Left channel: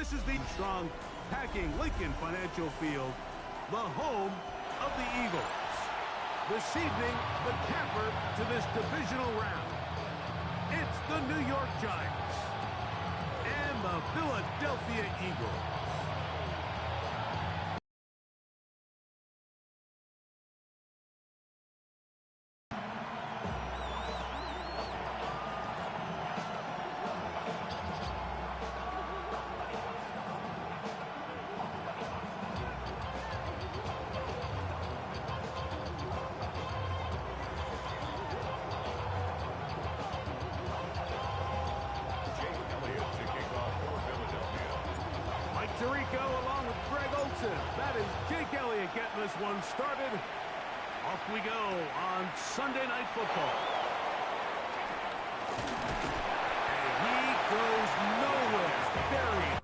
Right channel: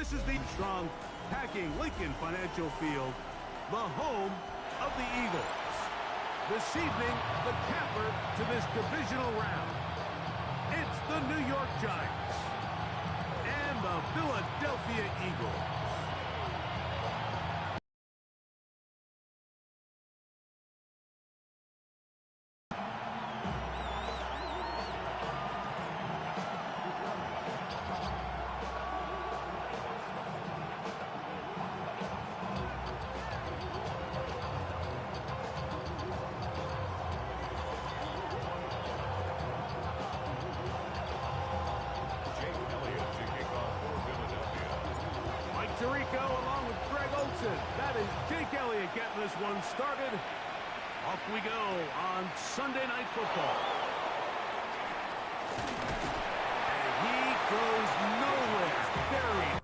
This is the strong, packing Lincoln Financial Field, the home of the Eagles. This evening, the capper to this divisional round. It's the New York Giants and the Philadelphia Eagles. Tirico along with Greg Olsen. That is Jake Elliott getting this one started. Off we go on Sunday Night Football. And he goes nowhere. Buried.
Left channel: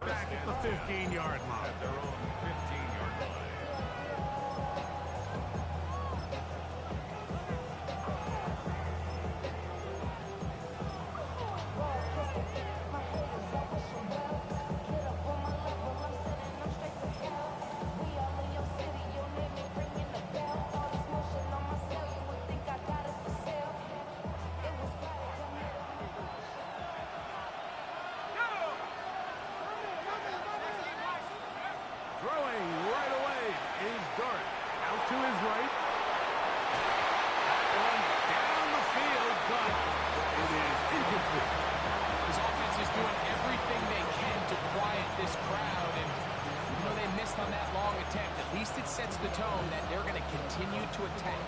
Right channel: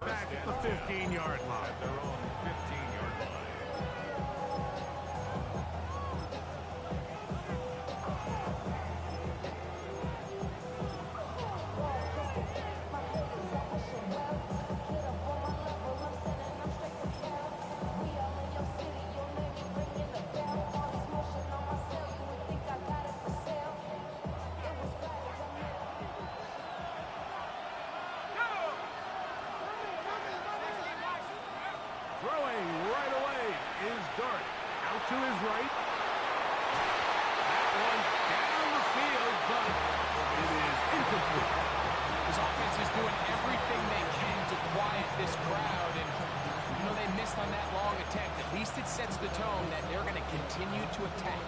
Back at the 15-yard line. At their own 15-yard line. Throwing right away is Dart. Out to his right. That one down the field, but it is incomplete. His offense is doing everything they can to quiet this crowd, and you know they missed on that long attempt. At least it sets the tone that they're going to continue to attack.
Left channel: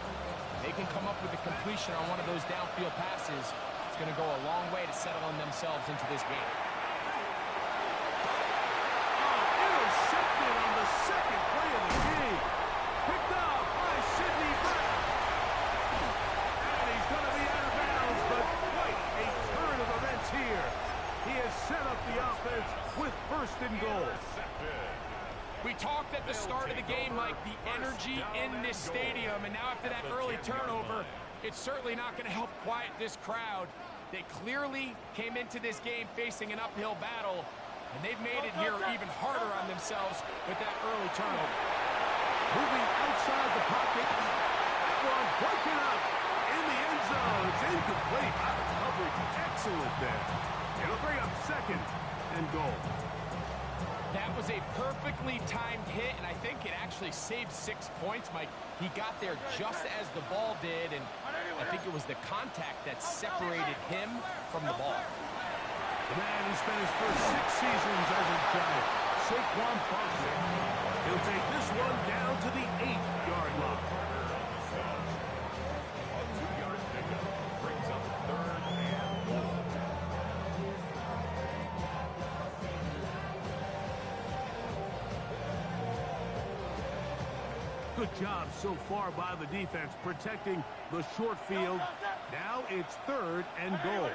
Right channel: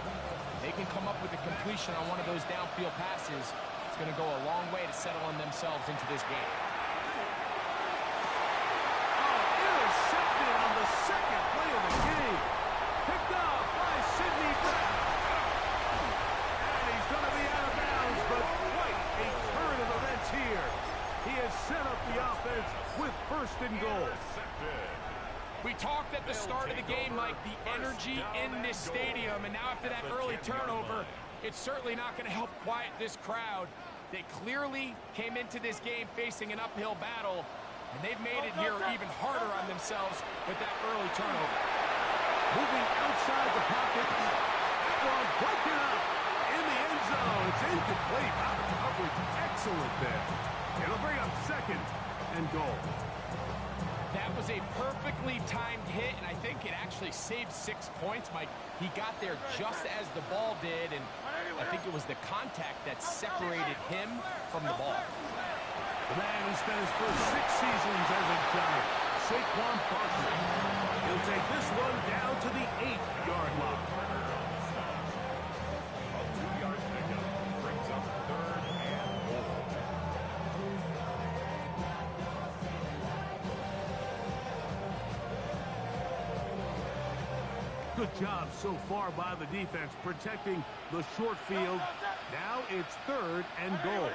They can come up with a completion on one of those downfield passes. It's going to go a long way to settling themselves into this game. Intercepted on the second play of the game. Picked off by Sidney Brown. And he's going to be out of bounds, but quite a turn of events here. He has set up the offense with first and goal. We talked at the start of the game like the energy in this stadium, and now after that early turnover, it's certainly not going to help quiet this crowd. They clearly came into this game facing an uphill battle, and they've made it here even harder on themselves with that early turnover. Moving outside the pocket. That one broken up in the end zone. It's incomplete. Out of coverage. Excellent there. It'll bring up second and goal. That was a perfectly timed hit, and I think it actually saved 6 points, Mike. He got there just as the ball did, and I think it was the contact that separated him from the ball. The man who spent his first 6 seasons as a Giant, Saquon Barkley. He'll take this one down to the 8-yard line. A 2-yard pickup brings up third and goal. Good job so far by the defense protecting the short field. Now it's third and goal.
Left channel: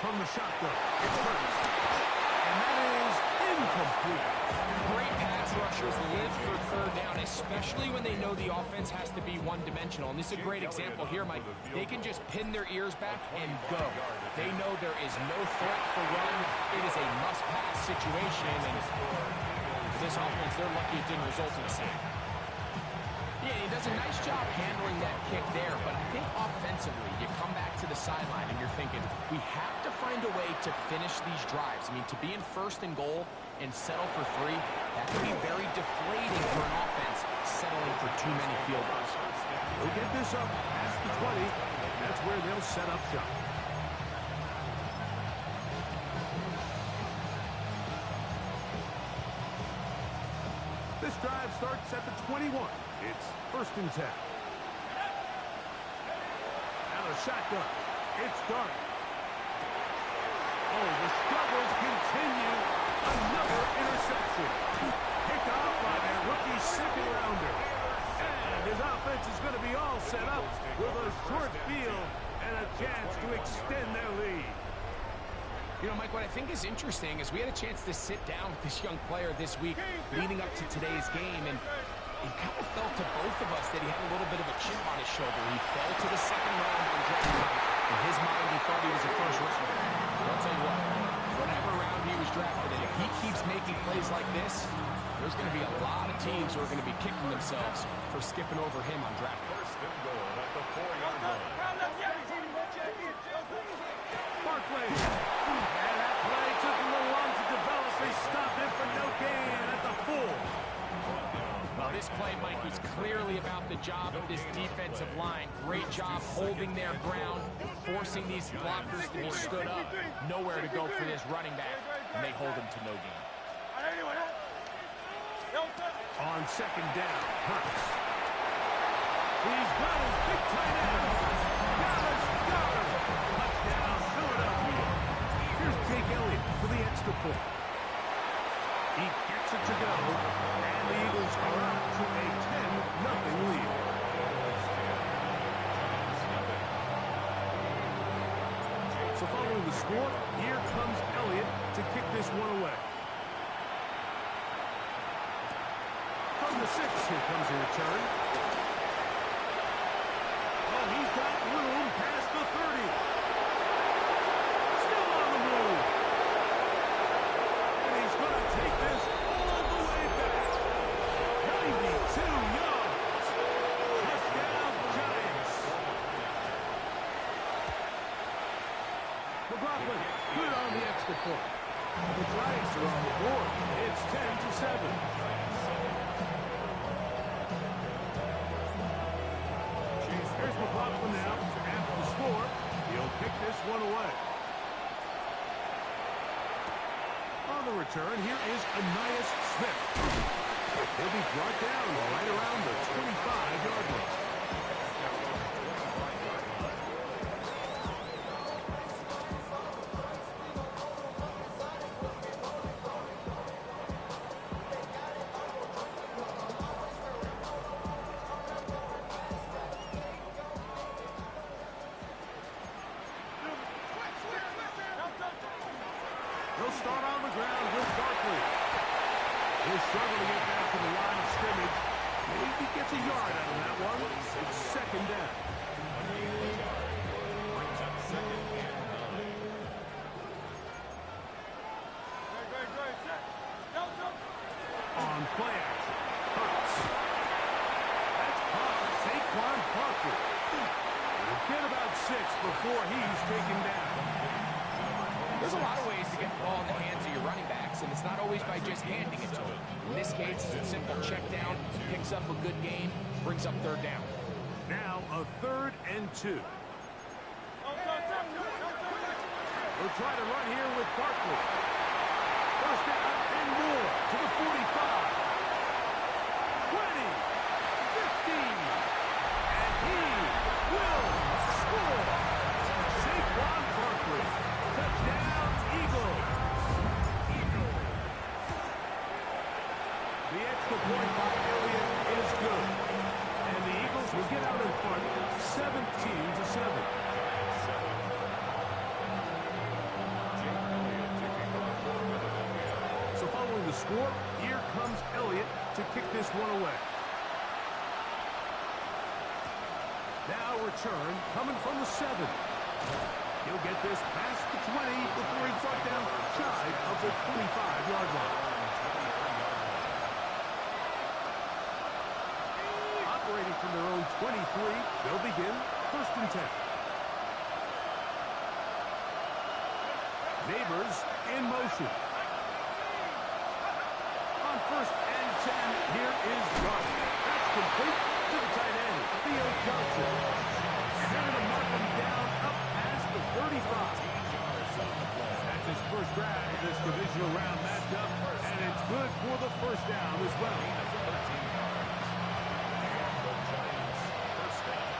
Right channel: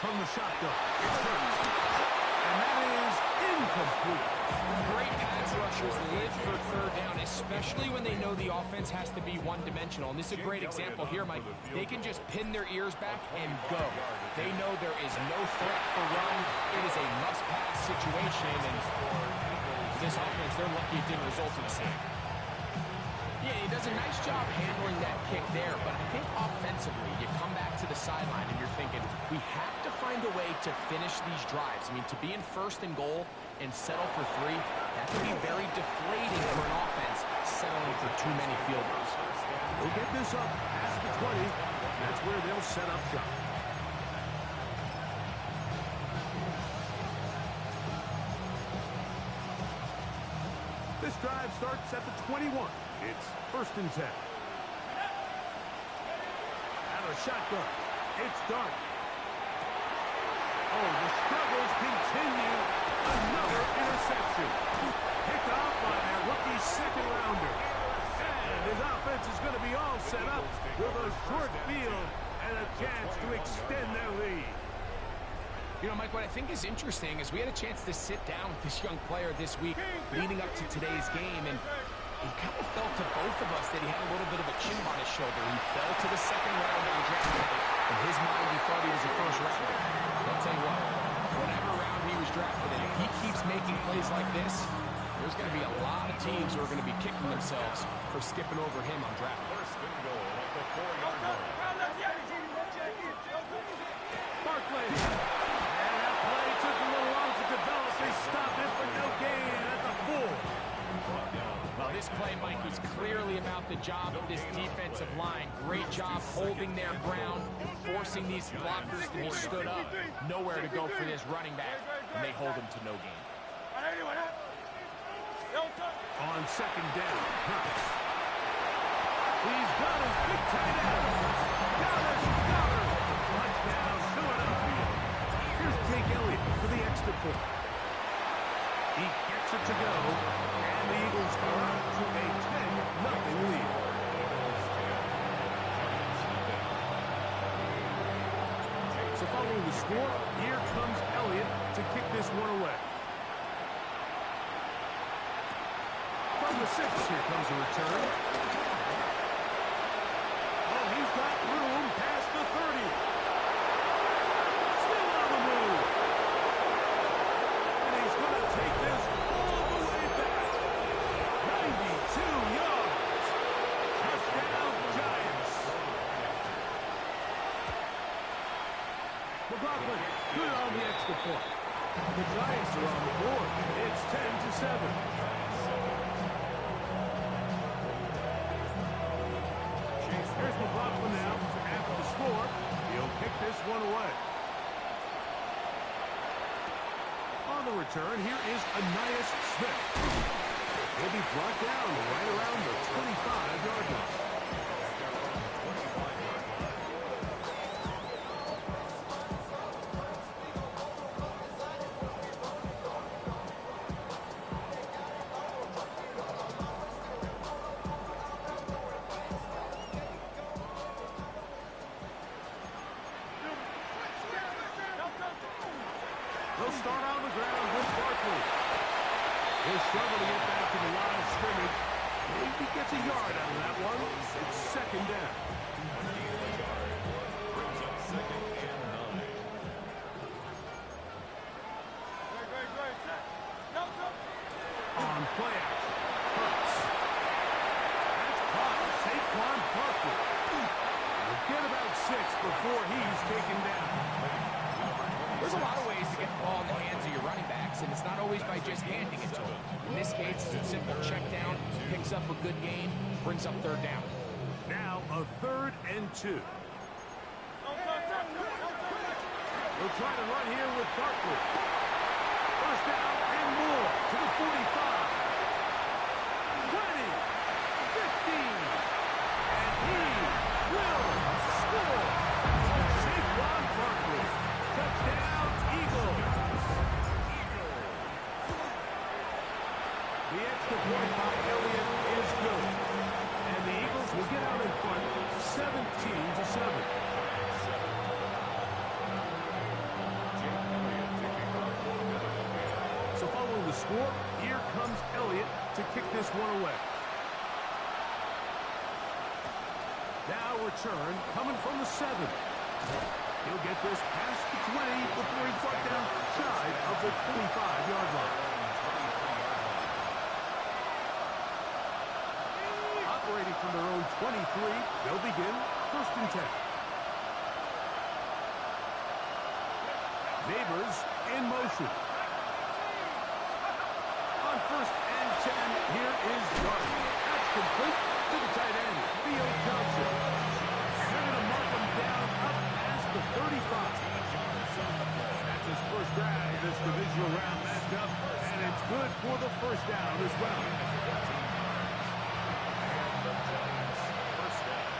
From the shotgun, it's Hurts. And that is incomplete. Great pass rushers live for third down, especially when they know the offense has to be one-dimensional. And this is a great example here, Mike. They can just pin their ears back and go. They know there is no threat for run. It is a must-pass situation. And for this offense, they're lucky it didn't result in a sack. Yeah, he does a nice job handling that kick there, but I think offensively, you come back to the sideline and you're thinking, we have to find a way to finish these drives. I mean, to be in first and goal and settle for 3, that can be very deflating for an offense settling for too many field goals. They'll get this up past the 20. That's where they'll set up shop. This drive starts at the 21. It's 1st and 10. Out of the shotgun. It's Dart. Oh, the struggles continue. Another interception. Picked off by their rookie second-rounder. And his offense is going to be all set up with a short field and a chance to extend their lead. You know, Mike, what I think is interesting is we had a chance to sit down with this young player this week leading up to today's game, and it kind of felt to both of us that he had a little bit of a chip on his shoulder. He fell to the second round on draft night. In his mind, he thought he was a first rounder. But I'll tell you what, whatever round he was drafted in, if he keeps making plays like this, there's going to be a lot of teams who are going to be kicking themselves for skipping over him on draft night. 1st and goal at the 4-yard line. Barkley. And that play took a little long to develop. They stopped it for no gain at the 4. Well, this play, Mike, was clearly about the job of this defensive line. Great job holding their ground, forcing these blockers to be stood up. Nowhere to go for this running back, and they hold him to no gain. On 2nd down, Hurts. He's got his big tight end. Dallas Goedert. Touchdown, Philadelphia. Here's Jake Elliott for the extra point. He gets it to go, and the Eagles are up to a 10-0 lead. So following the score, here comes Elliott to kick this one away. From the 6, here comes a return. Oh, he's got room past the 30. Still on the move. And he's going to take this all the way back. 92 yards. Touchdown, Giants. McLaughlin, good on the extra point. The Giants are on the board. It's 10-7. Here's McLaughlin now after the score. He'll kick this one away. On the return, here is Ainias Smith. He'll be brought down right around the 25-yard line. They'll start on the ground with Barkley. He'll struggle to get back to the line of scrimmage. Maybe gets a yard out of that one. It's 2nd down. Brings up 2nd and 9. On play action, Hurts. That's caught. Saquon Barkley. He'll get about 6 before he's taken down. There's a lot of ways to get the ball in the hands of your running backs, and it's not always by just handing it to them. In this case, it's a simple check down, picks up a good gain, brings up 3rd down. Now a 3rd and 2. We'll try to run here with Barkley. 1st down and more to the 45. 20. 15. And he will score. Saquon Barkley. Touchdown, Eagles. The extra point by Elliott is good. And the Eagles will get out in front 17-7. So following the score, here comes Elliott to kick this one away. Now return coming from the 7. He'll get this past the 20 before he's brought down shy of the 25-yard line. Operating from their own 23, they'll begin 1st and 10. Neighbors in motion. On 1st and 10, here is Dart. That's complete to the tight end, Theo Johnson. And they're going to mark him down up past the 35. That's his first grab of this divisional round matchup, and it's good for the first down as well. And the Giants first down.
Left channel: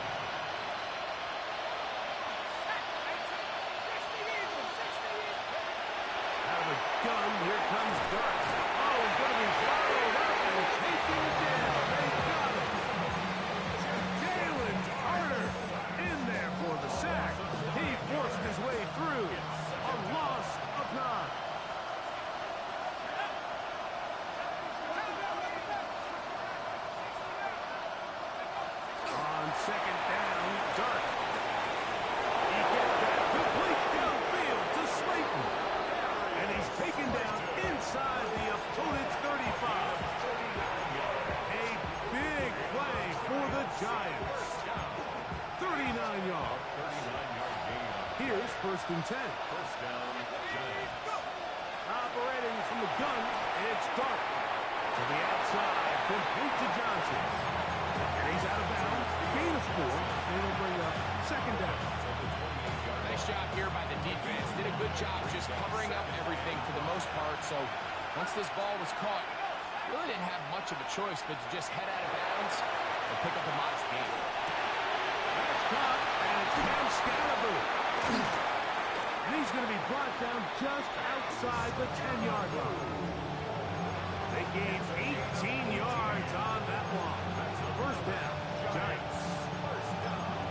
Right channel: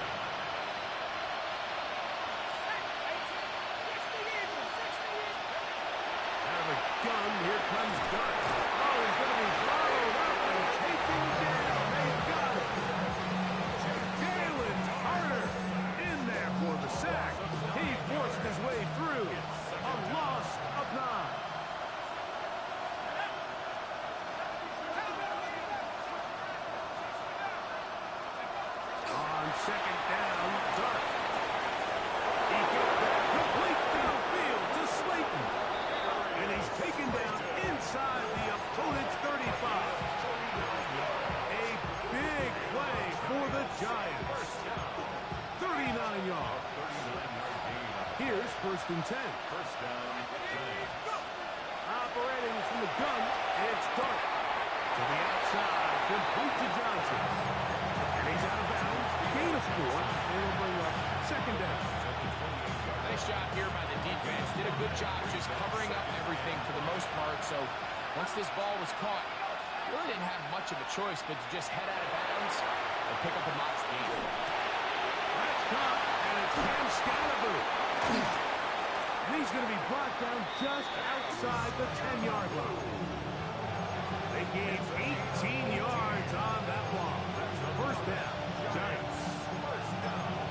Out of a gun, here comes Dart. Oh, he's going to be followed up and taken down. They got him. Jalen Carter in there for the sack. He forced his way through. A loss of 9. On 2nd down, Dart. He gets that complete downfield to Slayton. And he's taken down inside the opponent's 35. A big play for the Giants. 39 yards. 39-yard gain. Here's 1st and 10. First down, Giants. Operating from the gun, it's Dart. To the outside, complete to Johnson. And he's out of bounds. Gain of 4, and it'll bring up 2nd down. Nice job here by the defense. Did a good job just covering up everything for the most part. So once this ball was caught, really didn't have much of a choice but to just head out of bounds and pick up a modest gain. That's caught, and it's Cam Scalaboo. And he's going to be brought down just outside the 10-yard line. They gained 18 yards on that one. First down, Giants.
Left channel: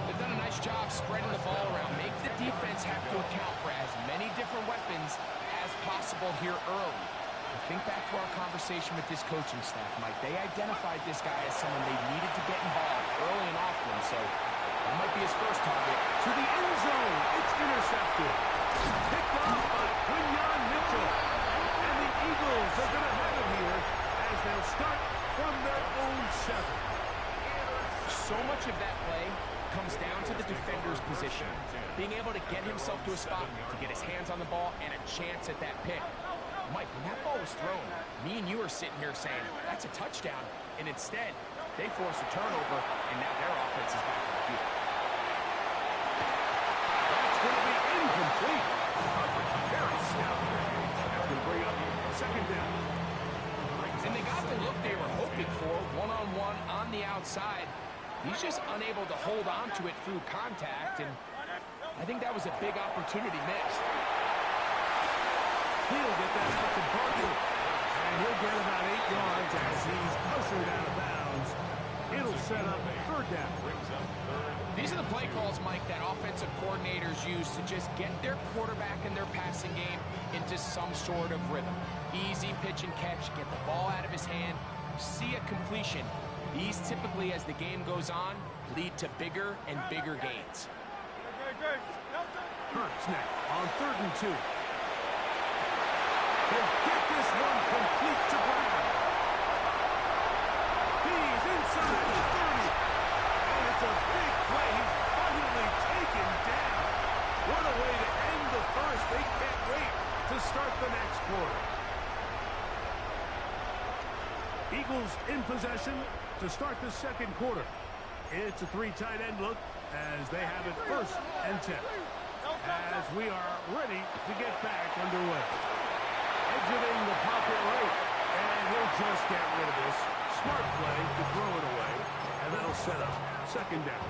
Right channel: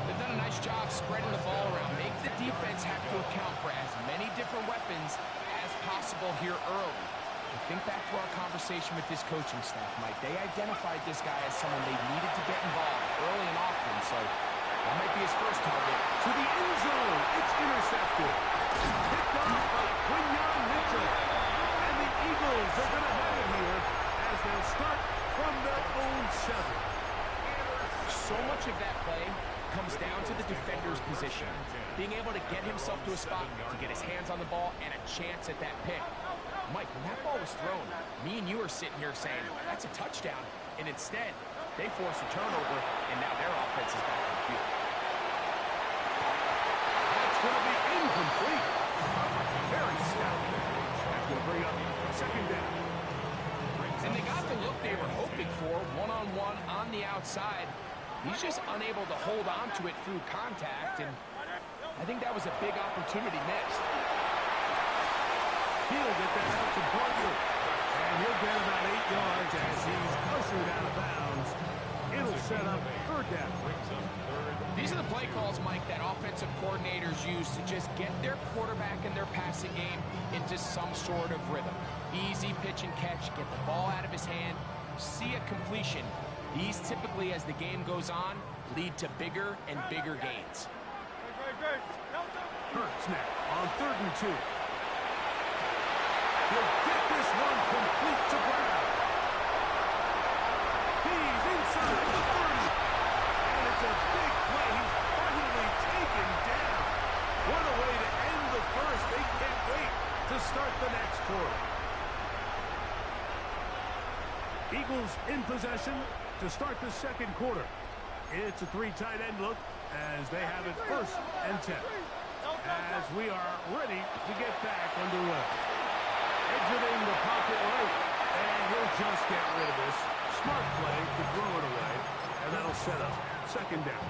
They've done a nice job spreading the ball around. Make the defense have to account for as many different weapons as possible here early. And think back to our conversation with this coaching staff, Mike. They identified this guy as someone they needed to get involved early and often, so that might be his first target. To the end zone, it's intercepted. Picked off by Quinyon Mitchell. And the Eagles are going to have it here as they'll start from their own 7. So much of that play comes down to the defender's position. Being able to get himself to a spot, to get his hands on the ball, and a chance at that pick. Mike, when that ball was thrown, me and you are sitting here saying, that's a touchdown. And instead, they force a turnover, and now their offense is back on the field. That's going to be incomplete. Very stout there. That's going to bring up 2nd down. And they got the look they were hoping for, one-on-one on the outside. He's just unable to hold on to it through contact, and I think that was a big opportunity missed. He'll get that out to Barkley. And he'll get about 8 yards as he's ushered out of bounds. It'll set up 3rd down. These are the play calls, Mike, that offensive coordinators use to just get their quarterback and their passing game into some sort of rhythm. Easy pitch and catch, get the ball out of his hand, see a completion. These typically, as the game goes on, lead to bigger and bigger gains. Hurts now on 3rd and 2. He'll get this one complete to Brown. He's inside the 30. And it's a big play. He's finally taken down. What a way to end the first. They can't wait to start the next quarter. Eagles in possession to start the 2nd quarter. It's a 3 tight end look as they have it 1st and 10. As we are ready to get back underway. Exiting the pocket right, and he'll just get rid of this. Smart play to throw it away, and that'll set up 2nd down.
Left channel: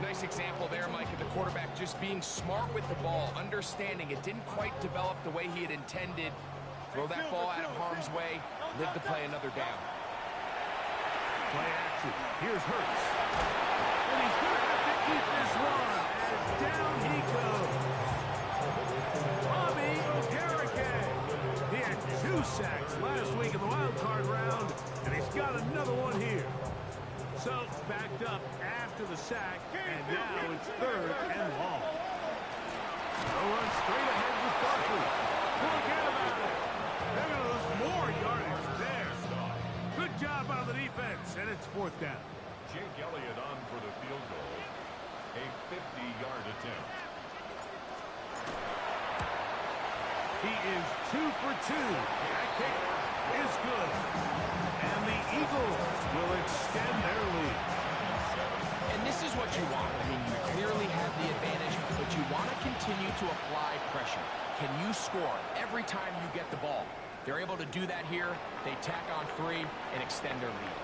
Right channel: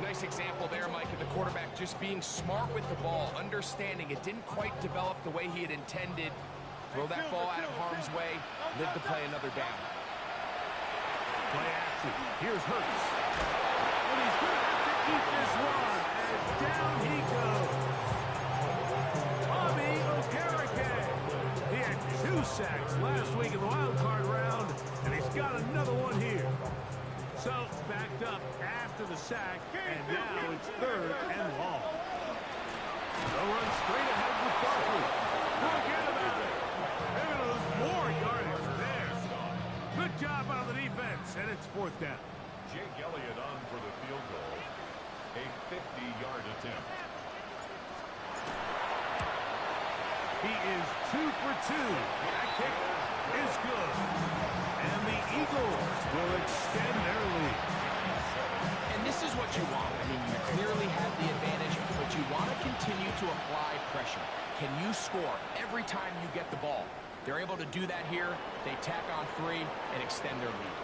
Nice example there, Mike, of the quarterback just being smart with the ball, understanding it didn't quite develop the way he had intended. Throw that ball out of harm's way, live to play another down. Play action. Here's Hurts. And he's going to have to eat this one as down he goes. Bobby Okereke. He had 2 sacks last week in the wild card round, and he's got another one here. So backed up after the sack, and now it's 3rd and long. They'll run straight ahead with Barkley. Forget about it. They're going to lose more yardage there. Good job out of the defense, and it's 4th down. Jake Elliott on for the field goal. A 50-yard attempt. He is 2 for 2. That kick is good. And the Eagles will extend their lead. And this is what you want. I mean, you clearly have the advantage, but you want to continue to apply pressure. Can you score every time you get the ball? They're able to do that here. They tack on 3 and extend their lead.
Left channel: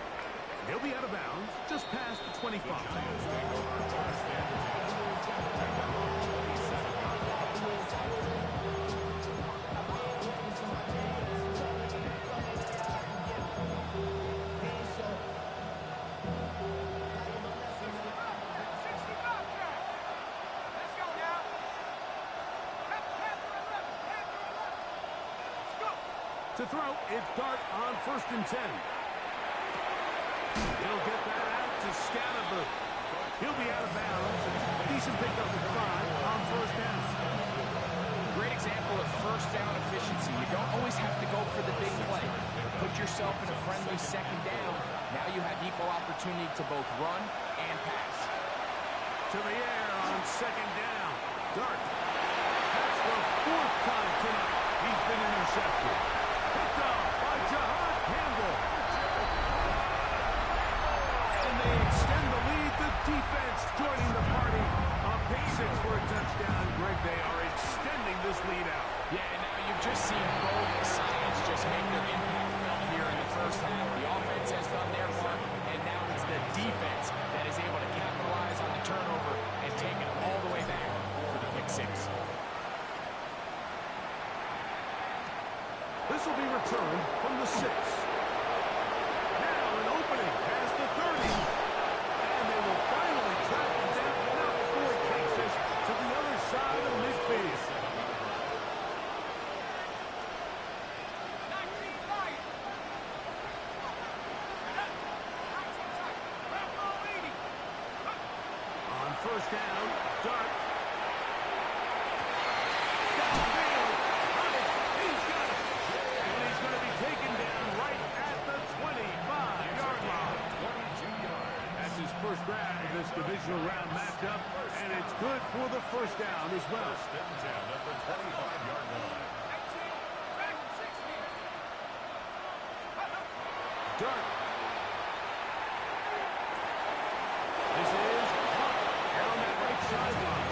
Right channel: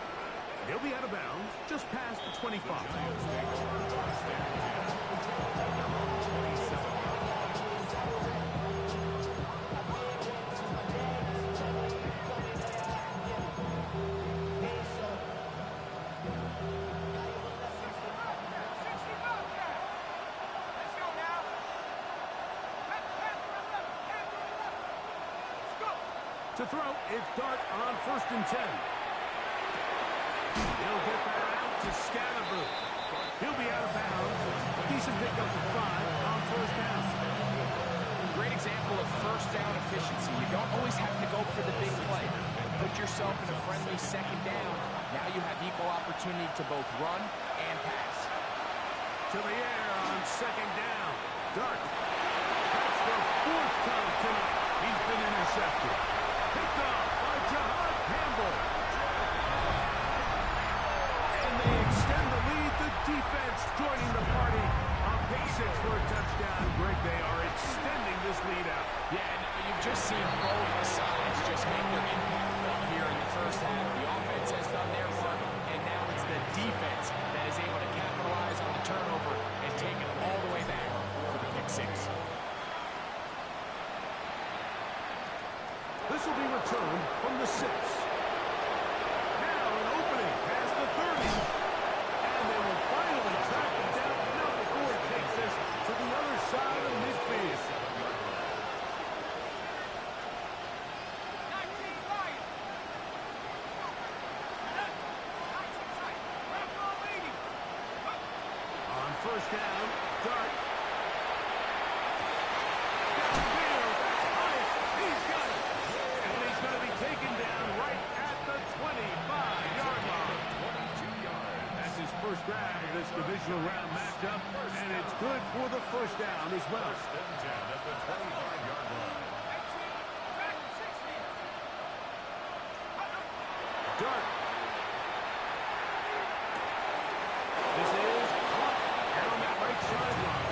They'll be out of bounds just past the 25. The Giants take over first and 10 at their own 27-yard line. To throw, it's Dart on 1st and 10. He'll get that out to Scatterboo. He'll be out of bounds. Decent pickup of 5 on 1st down. Great example of first down efficiency. You don't always have to go for the big play. Put yourself in a friendly 2nd down. Now you have equal opportunity to both run and pass. To the air on 2nd down. Dart. That's the 4th time tonight he's been intercepted. Picked off by Jahad Campbell. And they extend the lead. The defense joining the party. A pick 6 for a touchdown. Greg, they are extending this lead out. Yeah, and now you've just seen both sides just make their impact felt here in the first half. The offense has done their part, and now it's the defense that is able to capitalize on the turnover and take it all the way back for the pick 6. This will be returned from the 6. Now an opening past the 30. And they will finally track him down now before he takes us to the other side of midfield. On 1st down, Dart. Downfield, that's high. He's got it. And he's going to be taken down right at the 25-yard line. 22 yards. That's his first grab of this divisional round matchup, and it's good for the 1st down as well. First and 10 at the 25-yard line. Dart. This is caught down that right sideline.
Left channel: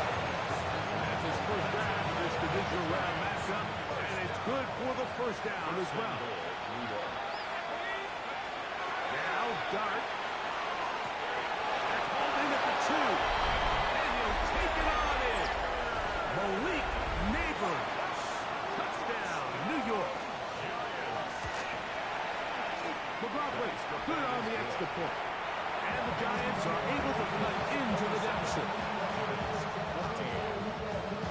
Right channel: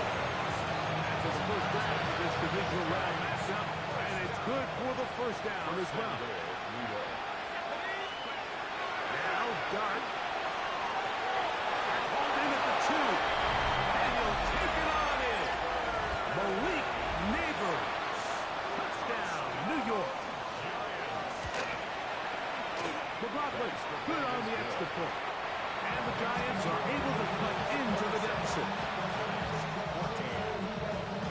That's his first grab of this divisional round matchup, and it's good for the 1st down as well. New York. Now Dart. That's hauled in at the 2. And he'll take it on in. Malik Neighbors. Touchdown, New York. McLaughlin, good on the extra point. And the Giants are able to cut into the deficit.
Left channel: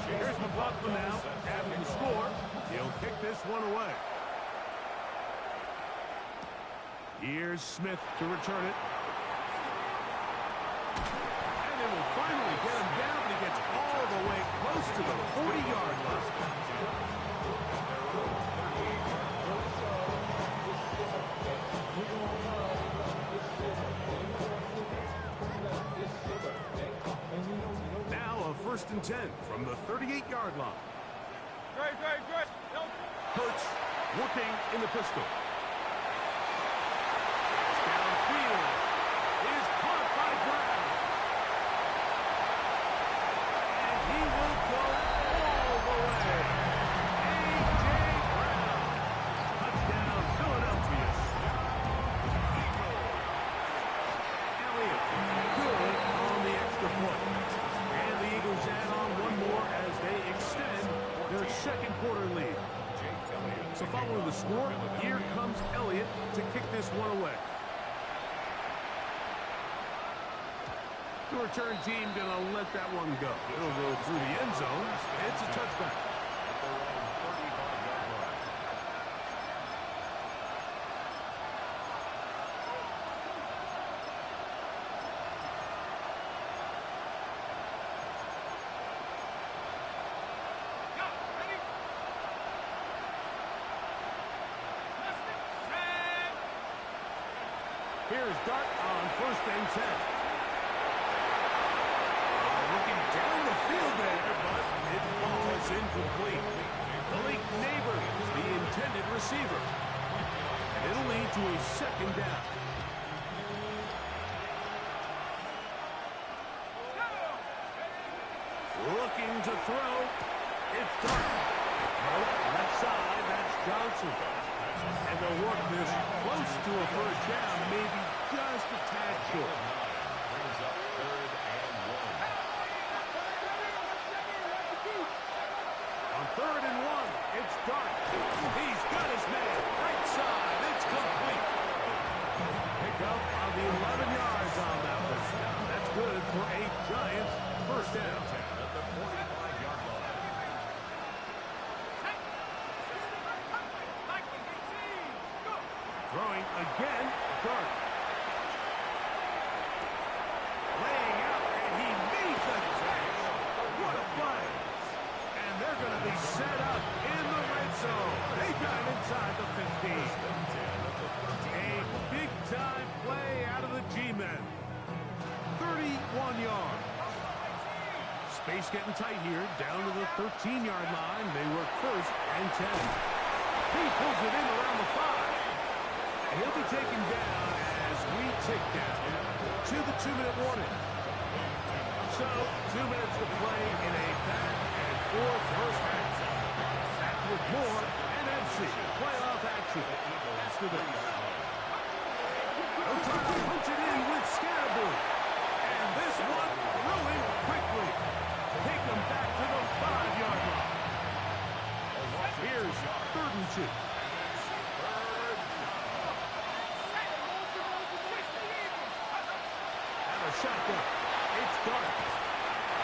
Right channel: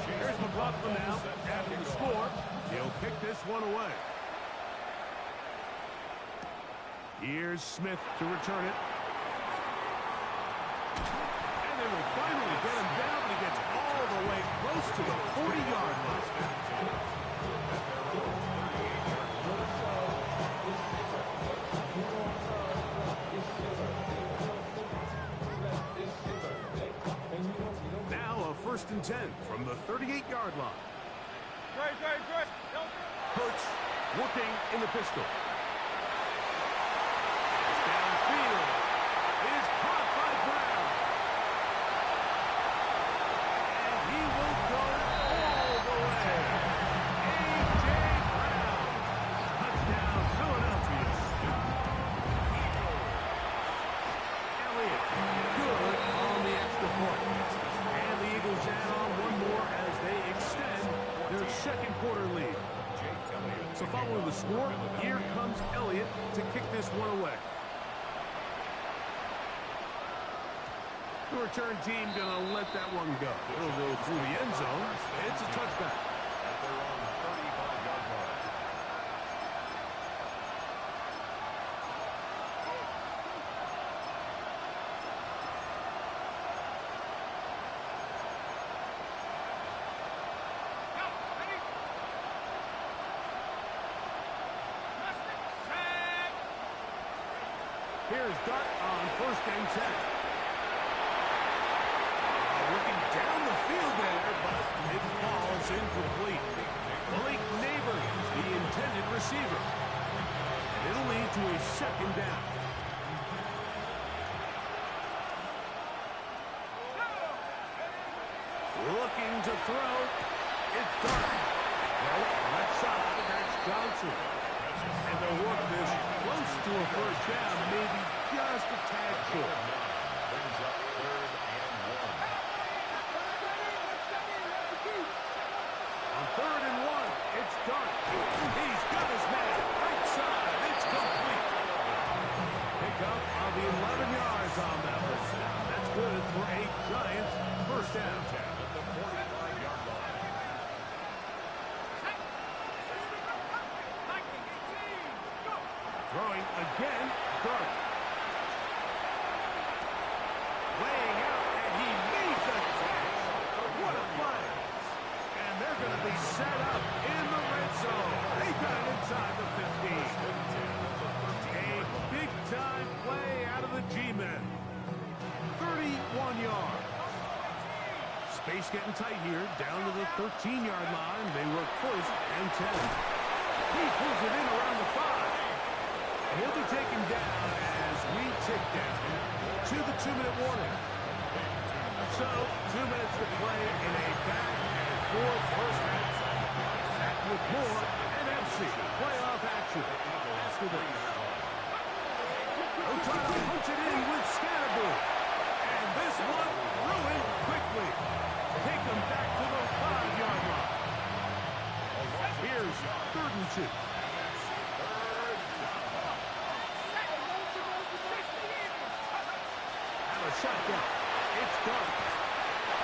Here's McLaughlin now after the score. He'll kick this one away. Here's Smith to return it. And they will finally get him down, but he gets all the way close to the 40-yard line. Now a 1st and 10 from the 38-yard line. Hurts working in the pistol. Pass downfield is caught by Brown. And he will go all the way. A.J. Brown. Touchdown, Philadelphia. Elliott, good on the extra point. And the Eagles add on one more as they extend their 2nd quarter lead. So following the score, here comes Elliott to kick this one away. The return team gonna let that one go. It'll go through the end zone. It's a touchback. At their own 35-yard line. Here's Dart on 1st and 10. Looking down the field there, but it falls incomplete. Malik Neighbors, the intended receiver. And it'll lead to a second down. Looking to throw. It's Dark. Nope, left side, that's Johnson. And they'll work this close to a first down, maybe just a tad short. Brings up 3rd and 1. On 3rd and 1, it's Dark. He's got his man. Right side, it's complete. Pick up on the 11 yards on that one. That's good for a Giants first down. At the 45-yard line. Throwing again, Dark. Laying out, and he made the catch. What a play. And they're going to be set up in the red zone. They got it inside the 15. A big-time play out of the G-men. 31 yards. Space getting tight here, down to the 13-yard line. They work 1st and 10. He pulls it in around the 5. And he'll be taken down as we tick down to the 2-minute warning. So, 2 minutes to play in a back-and-forth first half. Back with more NFC playoff action after this. They'll try to punch it in with Scatterboo. And this one ruined quickly. Take them back to the 5-yard line. Here's 3rd and 2. And a shotgun. It's Dark.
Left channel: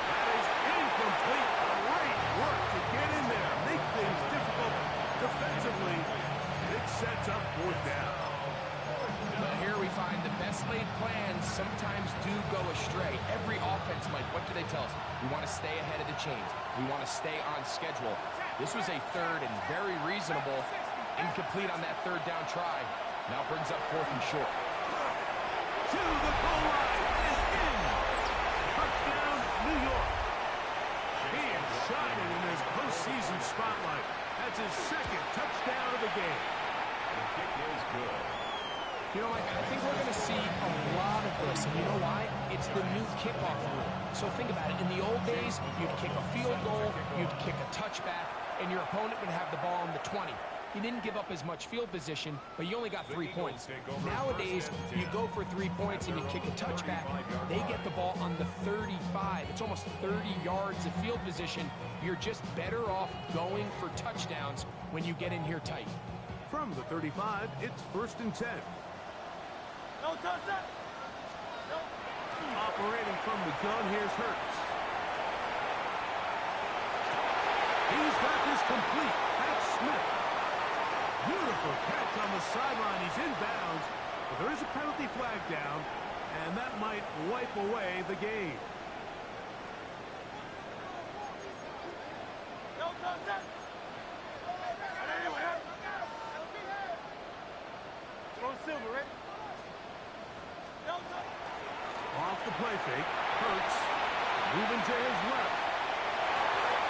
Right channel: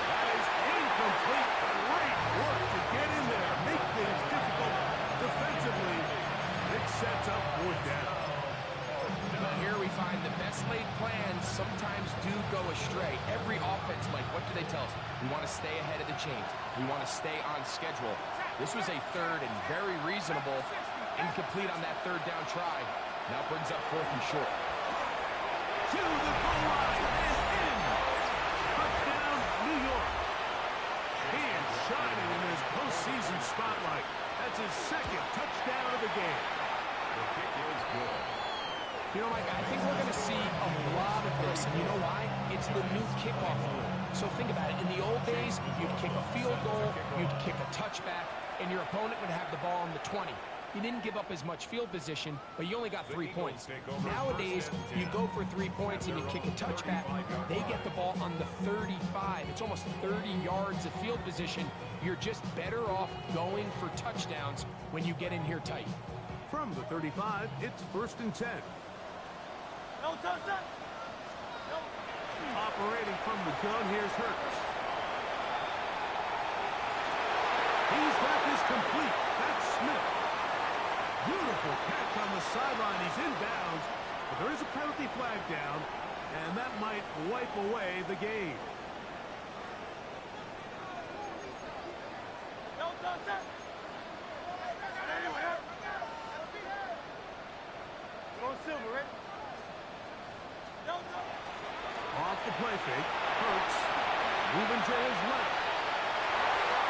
That is incomplete. Great work to get in there. Make things difficult defensively. It sets up 4th down. But here we find the best laid plans sometimes do go astray. Every offense, Mike, what do they tell us? We want to stay ahead of the chains. We want to stay on schedule. This was a 3rd and very reasonable. Incomplete on that 3rd down try. Now brings up 4th and short. To the goal line and in. Touchdown, New York. He is shining in his postseason spotlight. That's his 2nd touchdown of the game. The kick is good. You know, Mike, I think we're going to see a lot of this, and you know why? It's the new kickoff rule. So think about it. In the old days, you'd kick a field goal, you'd kick a touchback, and your opponent would have the ball on the 20. You didn't give up as much field position, but you only got 3 points. Nowadays, you go for 3 points and you kick a touchback. They get the ball on the 35. It's almost 30 yards of field position. You're just better off going for touchdowns when you get in here tight. From the 35, it's 1st and 10. No touchdown. No. Operating from the gun, here's Hurts. He's got this complete. That's Smith. Beautiful catch on the sideline. He's inbounds, but there is a penalty flag down, and that might wipe away the game. No touchdown. Go Silver, right? No touchdown. Off the play fake, Hurts moving to his left.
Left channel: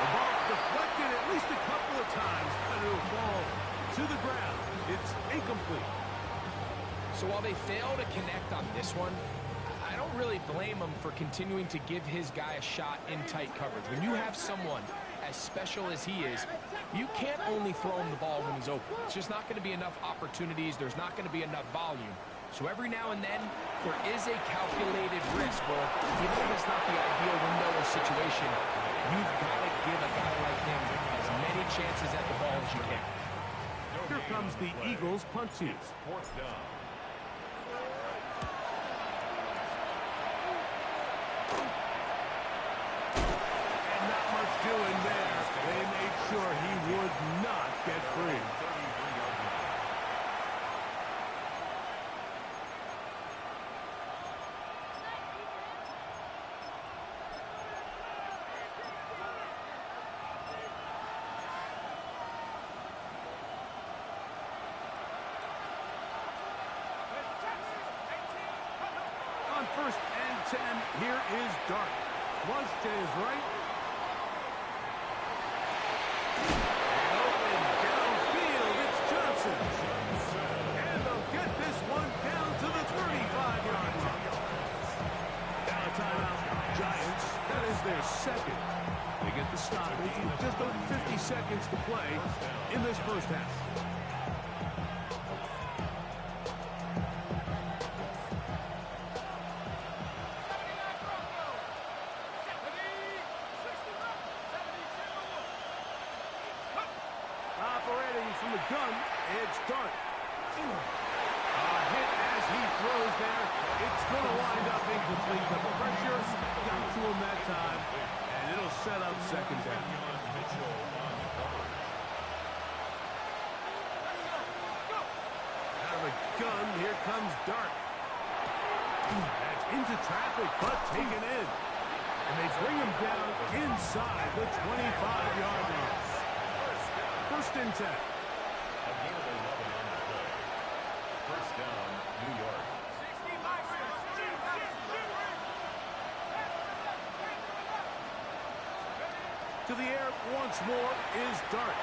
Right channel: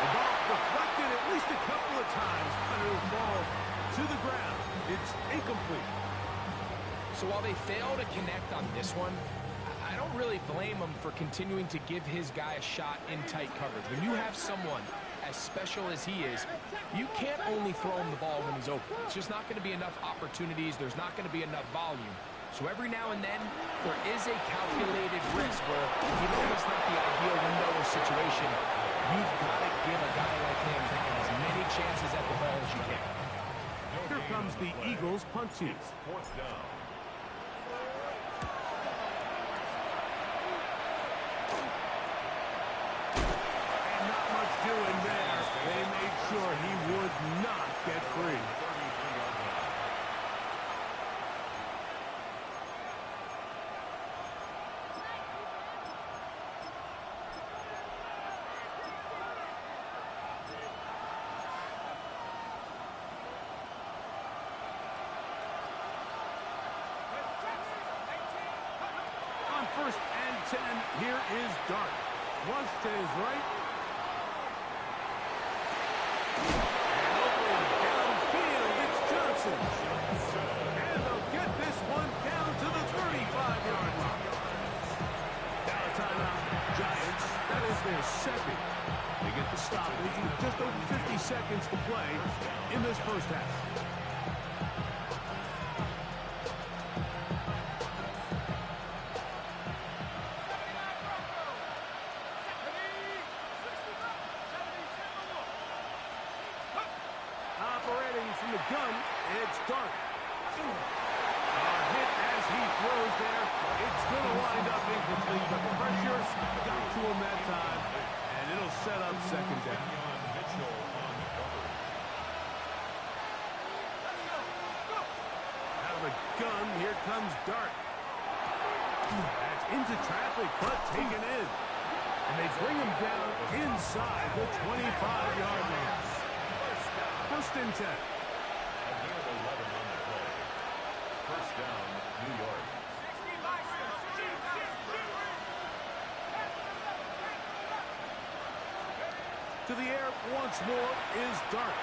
The ball deflected at least a couple of times, but it'll fall to the ground. It's incomplete. So while they fail to connect on this one, I don't really blame him for continuing to give his guy a shot in tight coverage. When you have someone as special as he is, you can't only throw him the ball when he's open. It's just not going to be enough opportunities. There's not going to be enough volume. So every now and then, there is a calculated risk where even if it's not the ideal window or situation, you've got to give a guy like him as many chances at the ball as you can. Here comes the Eagles punt team. 4th down. And not much doing there. They made sure he would not get free. 33-yard line. On 1st and 10, here is Dark. Flush to his right. And their second. They get the stoppage with just over 50 seconds to play in this first half. Operating from the gun, it's Dart. Hit as he throws there. It's going to wind up incomplete. The pressure got to him that time, and it'll set up second down. Out of the gun, here comes Dart. That's into traffic, but taken in. And they bring him down inside the 25-yard line. First and 10. A gain of 11 on the play. First down, New York. To the air once more is Dart.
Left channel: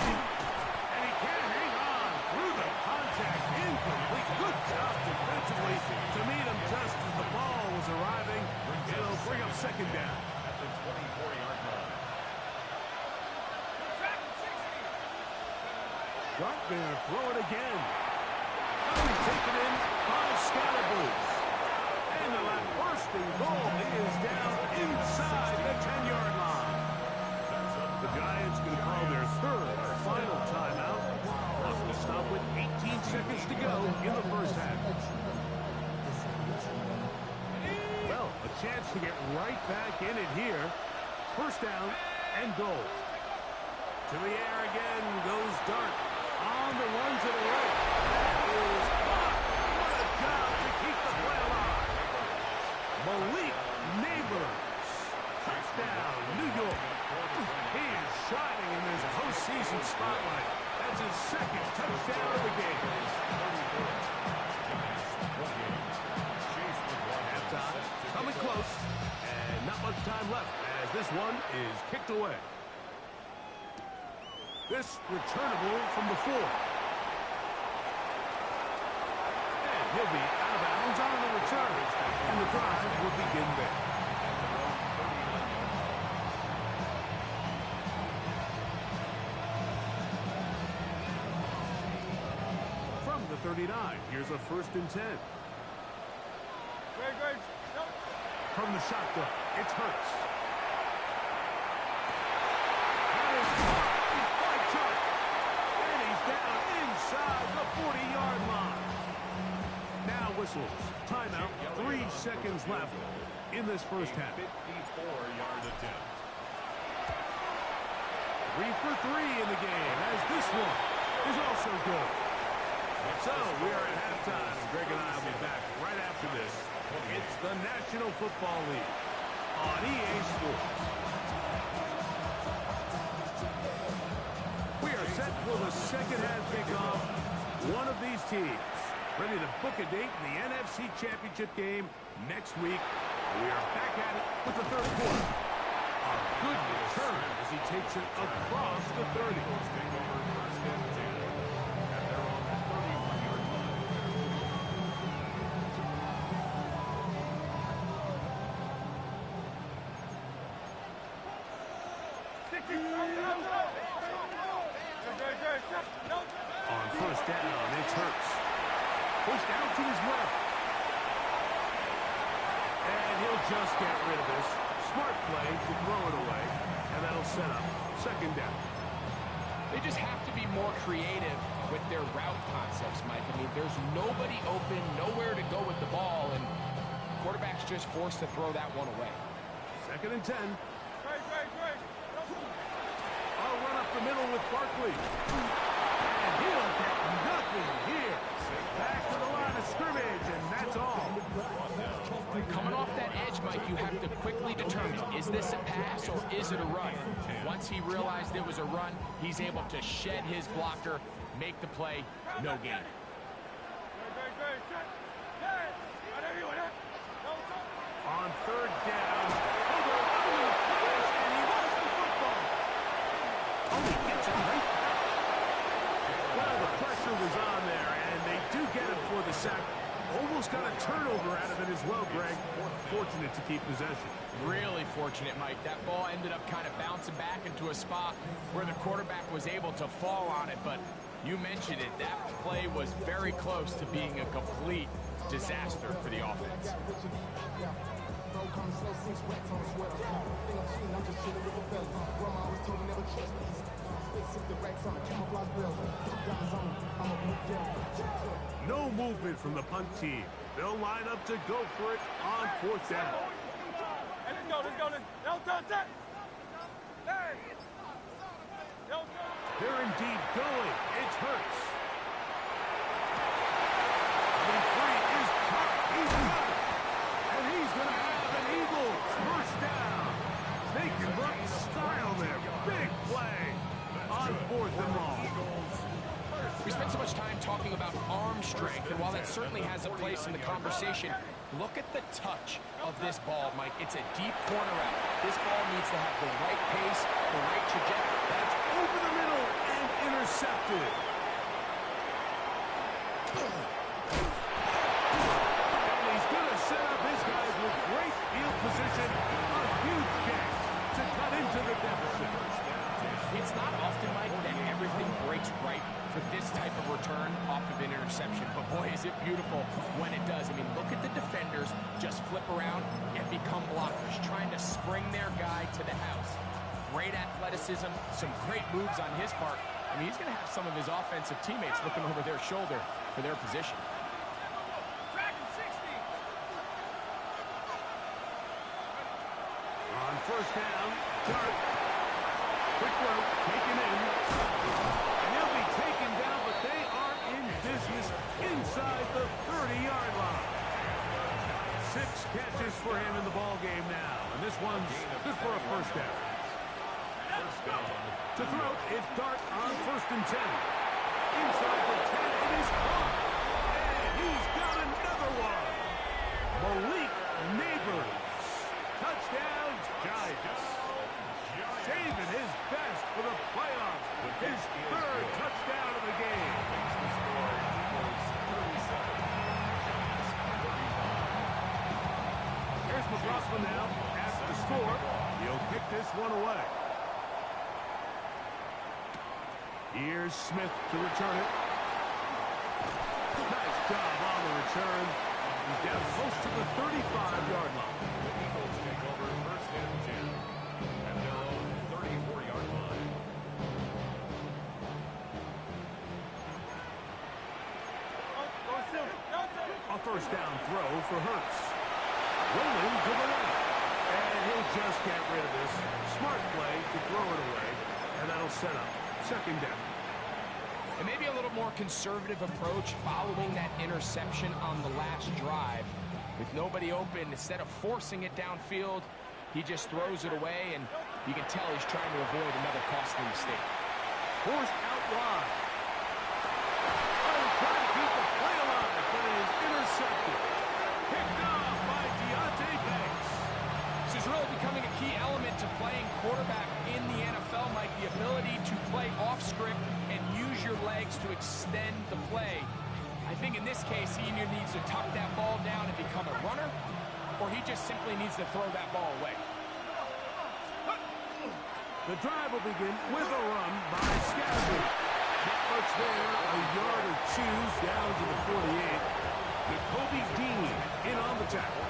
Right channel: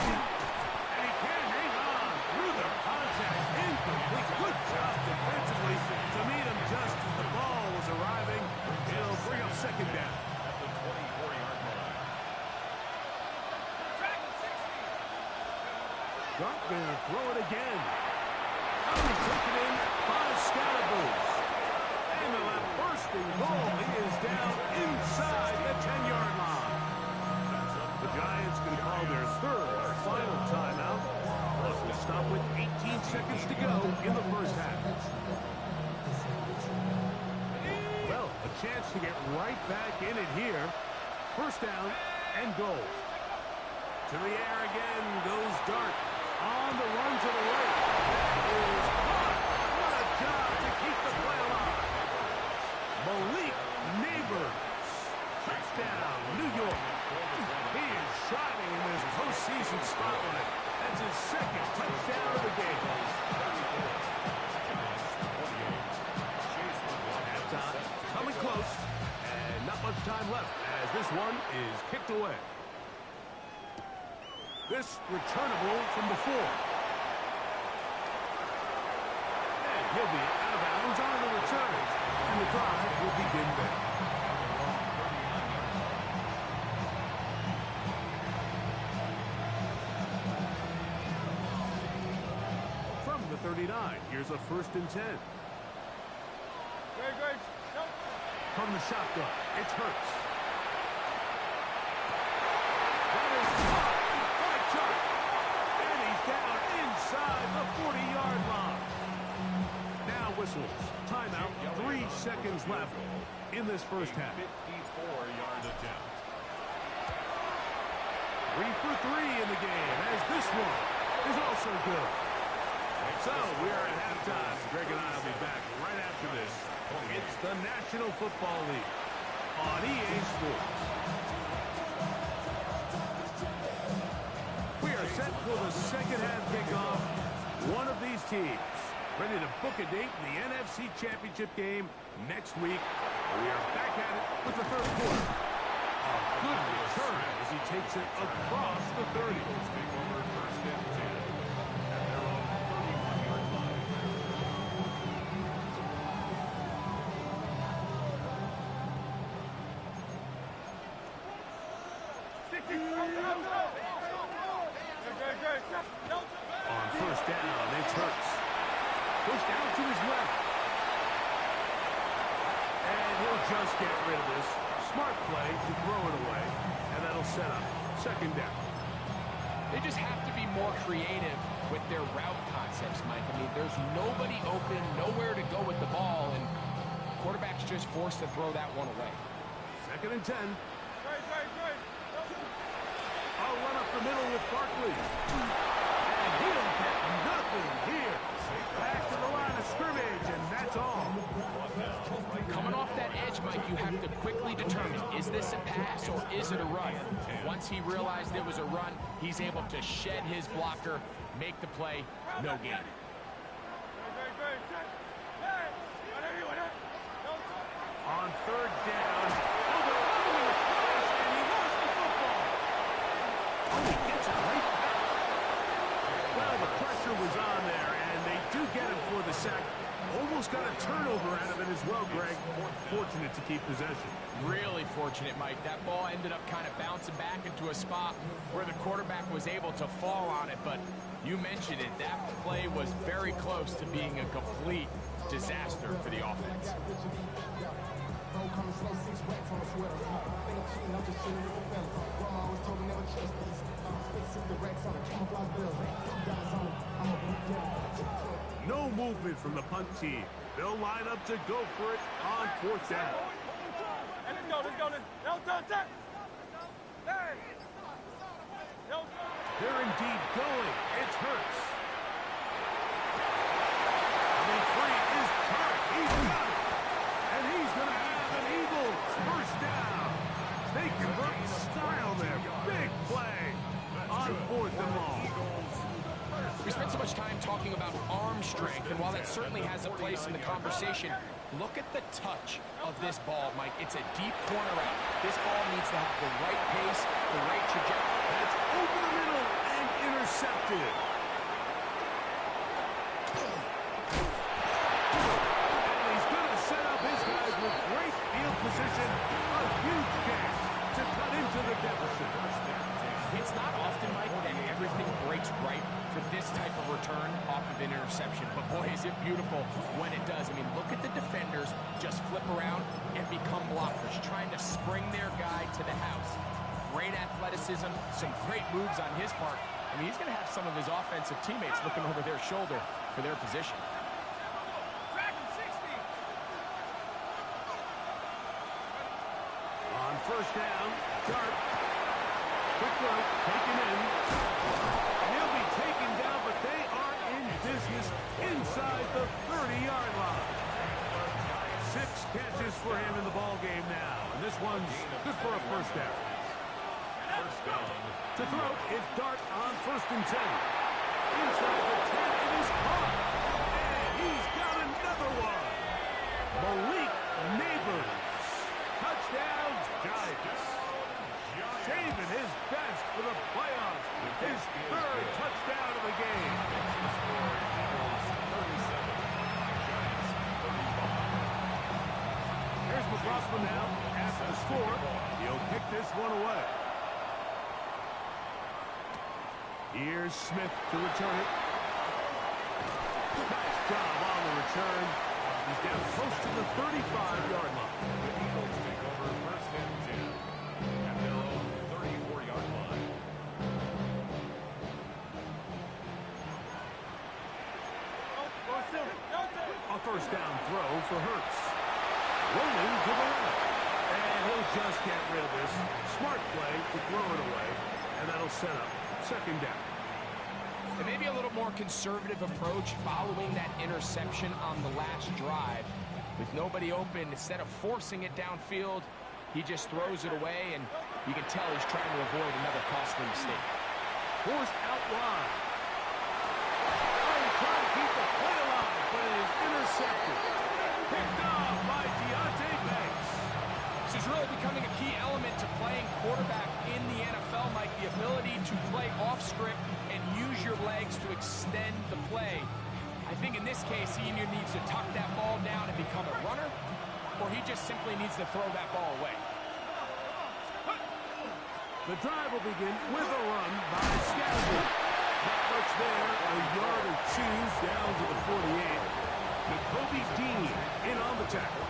And he can't hang on through the contact. Incomplete. Good job defensively to meet him just as the ball was arriving. It'll bring up second down. At the 24-yard line. Dart gonna throw it again. Taken in by Scalabrine. And the bursting goal is down inside the 10-yard line. The Giants going to call their third final timeout. Plus will stop with 18 seconds to go in the first half. Well, a chance to get right back in it here. First down and goal. To the air again goes Dart. On the run to the right. That is caught. What a job to keep the play alive. Malik Neighbors. Touchdown, New York. He is shining in this postseason spotlight. That's his second touchdown of the game. Halftime coming close, and not much time left as this one is kicked away. This returnable from the 4. And he'll be out of bounds on the return, and the drive will begin there. From the 39, here's a first and 10. Great. No. From the shotgun, it's Hurts. That is caught by Chark. And he's down inside the 40-yard line. Now whistles. Timeout. 3 seconds left in this first half. 54-yard attempt. 3 for 3 in the game, as this one is also good. So we are at halftime. Greg and I will be back right after this. It's the National Football League on EA Sports. We are set for the second half kickoff. One of these teams ready to book a date in the NFC Championship game next week. We are back at it with the third quarter. A good return as he takes it across the 30. Take over first and 10 at their own 31-yard line. On first down, it's Hurts. Pushed out to his left. And he'll just get rid of this. Smart play to throw it away. And that'll set up second down. They just have to be more creative with their route concepts, Mike. I mean, there's nobody open, nowhere to go with the ball, and quarterback's just forced to throw that one away. Second and 10. Great. I'll run up the middle with Barkley. And he'll get nothing here. Back to the line of scrimmage, and that's all. Coming off that edge, Mike, you have to quickly determine, is this a pass or is it a run? Once he realized it was a run, he's able to shed his blocker, make the play, no gain. On third down, they're running in a flash, and he lost the football. Oh, he gets it right back. Well, the pressure was on there, and they do get him for the sack. Almost got a turnover out of it as well, Greg. Fortunate to keep possession. Really fortunate, Mike. That ball ended up kind of bouncing back into a spot where the quarterback was able to fall on it, but you mentioned it. That play was very close to being a complete disaster for the offense. No movement from the punt team. They'll line up to go for it on 4th down. Hey, let's go. No touch that. Hey. No touch. They're indeed going. It's Hurts. Coming free is Tartt. He's got it. And he's going to have an Eagles first down. They convert style there. Big play on 4th and long. We spent so much time talking about arm strength, and while that certainly has a place in the conversation, look at the touch of this ball, Mike. It's a deep corner out. This ball needs to have the right pace, the right trajectory. That's over the middle and intercepted. And he's going to set up his guys with great field position. A huge chance to cut into the deficit. It's not often, Mike, that everything breaks right for this type of return off of an interception. But boy, is it beautiful when it does. I mean, look at the defenders just flip around and become blockers, trying to spring their guy to the house. Great athleticism, some great moves on his part. I mean, he's going to have some of his offensive teammates looking over their shoulder for their position. On 1st down, Tartt. Quick throw, taken in. And he'll be taken down, but they are in business inside the 30-yard line. 6 catches for him in the ball game now. And this one's good for a first down. To throw, it's Tartt on 1st and 10. Inside the 10, it is caught. And he's got another one. Malik Neighbors. Touchdown, Giants. Saving his best for the playoffs. His 3rd touchdown of the game. Makes the score Eagles 37, Giants 35. Here's McLaughlin now at the score. He'll kick this one away. Here's Smith to return it. Nice job on the return. He's down close to the 35-yard line. The Eagles take over 1st and 10 at their own 34-yard line. A 1st down throw for Hurts. Rolling to the left. And he'll just get rid of this. Smart play to throw it away. And that'll set up 2nd down. And maybe a little more conservative approach following that interception on the last drive. With nobody open, instead of forcing it downfield, he just throws it away, and you can tell he's trying to avoid another costly mistake. Forced out wide. Trying to keep the play alive, but it is intercepted. Picked off by Deonte Banks. This is really becoming a key element to playing quarterback in the NFL, Mike. The ability to play off script and use your legs to extend the play. I think in this case, he either needs to tuck that ball down and become a runner, or he just simply needs to throw that ball away. The drive will begin with a run by Scattergood. Not much there, a yard or 2 down to the 48. Nakobe Dean in on the tackle.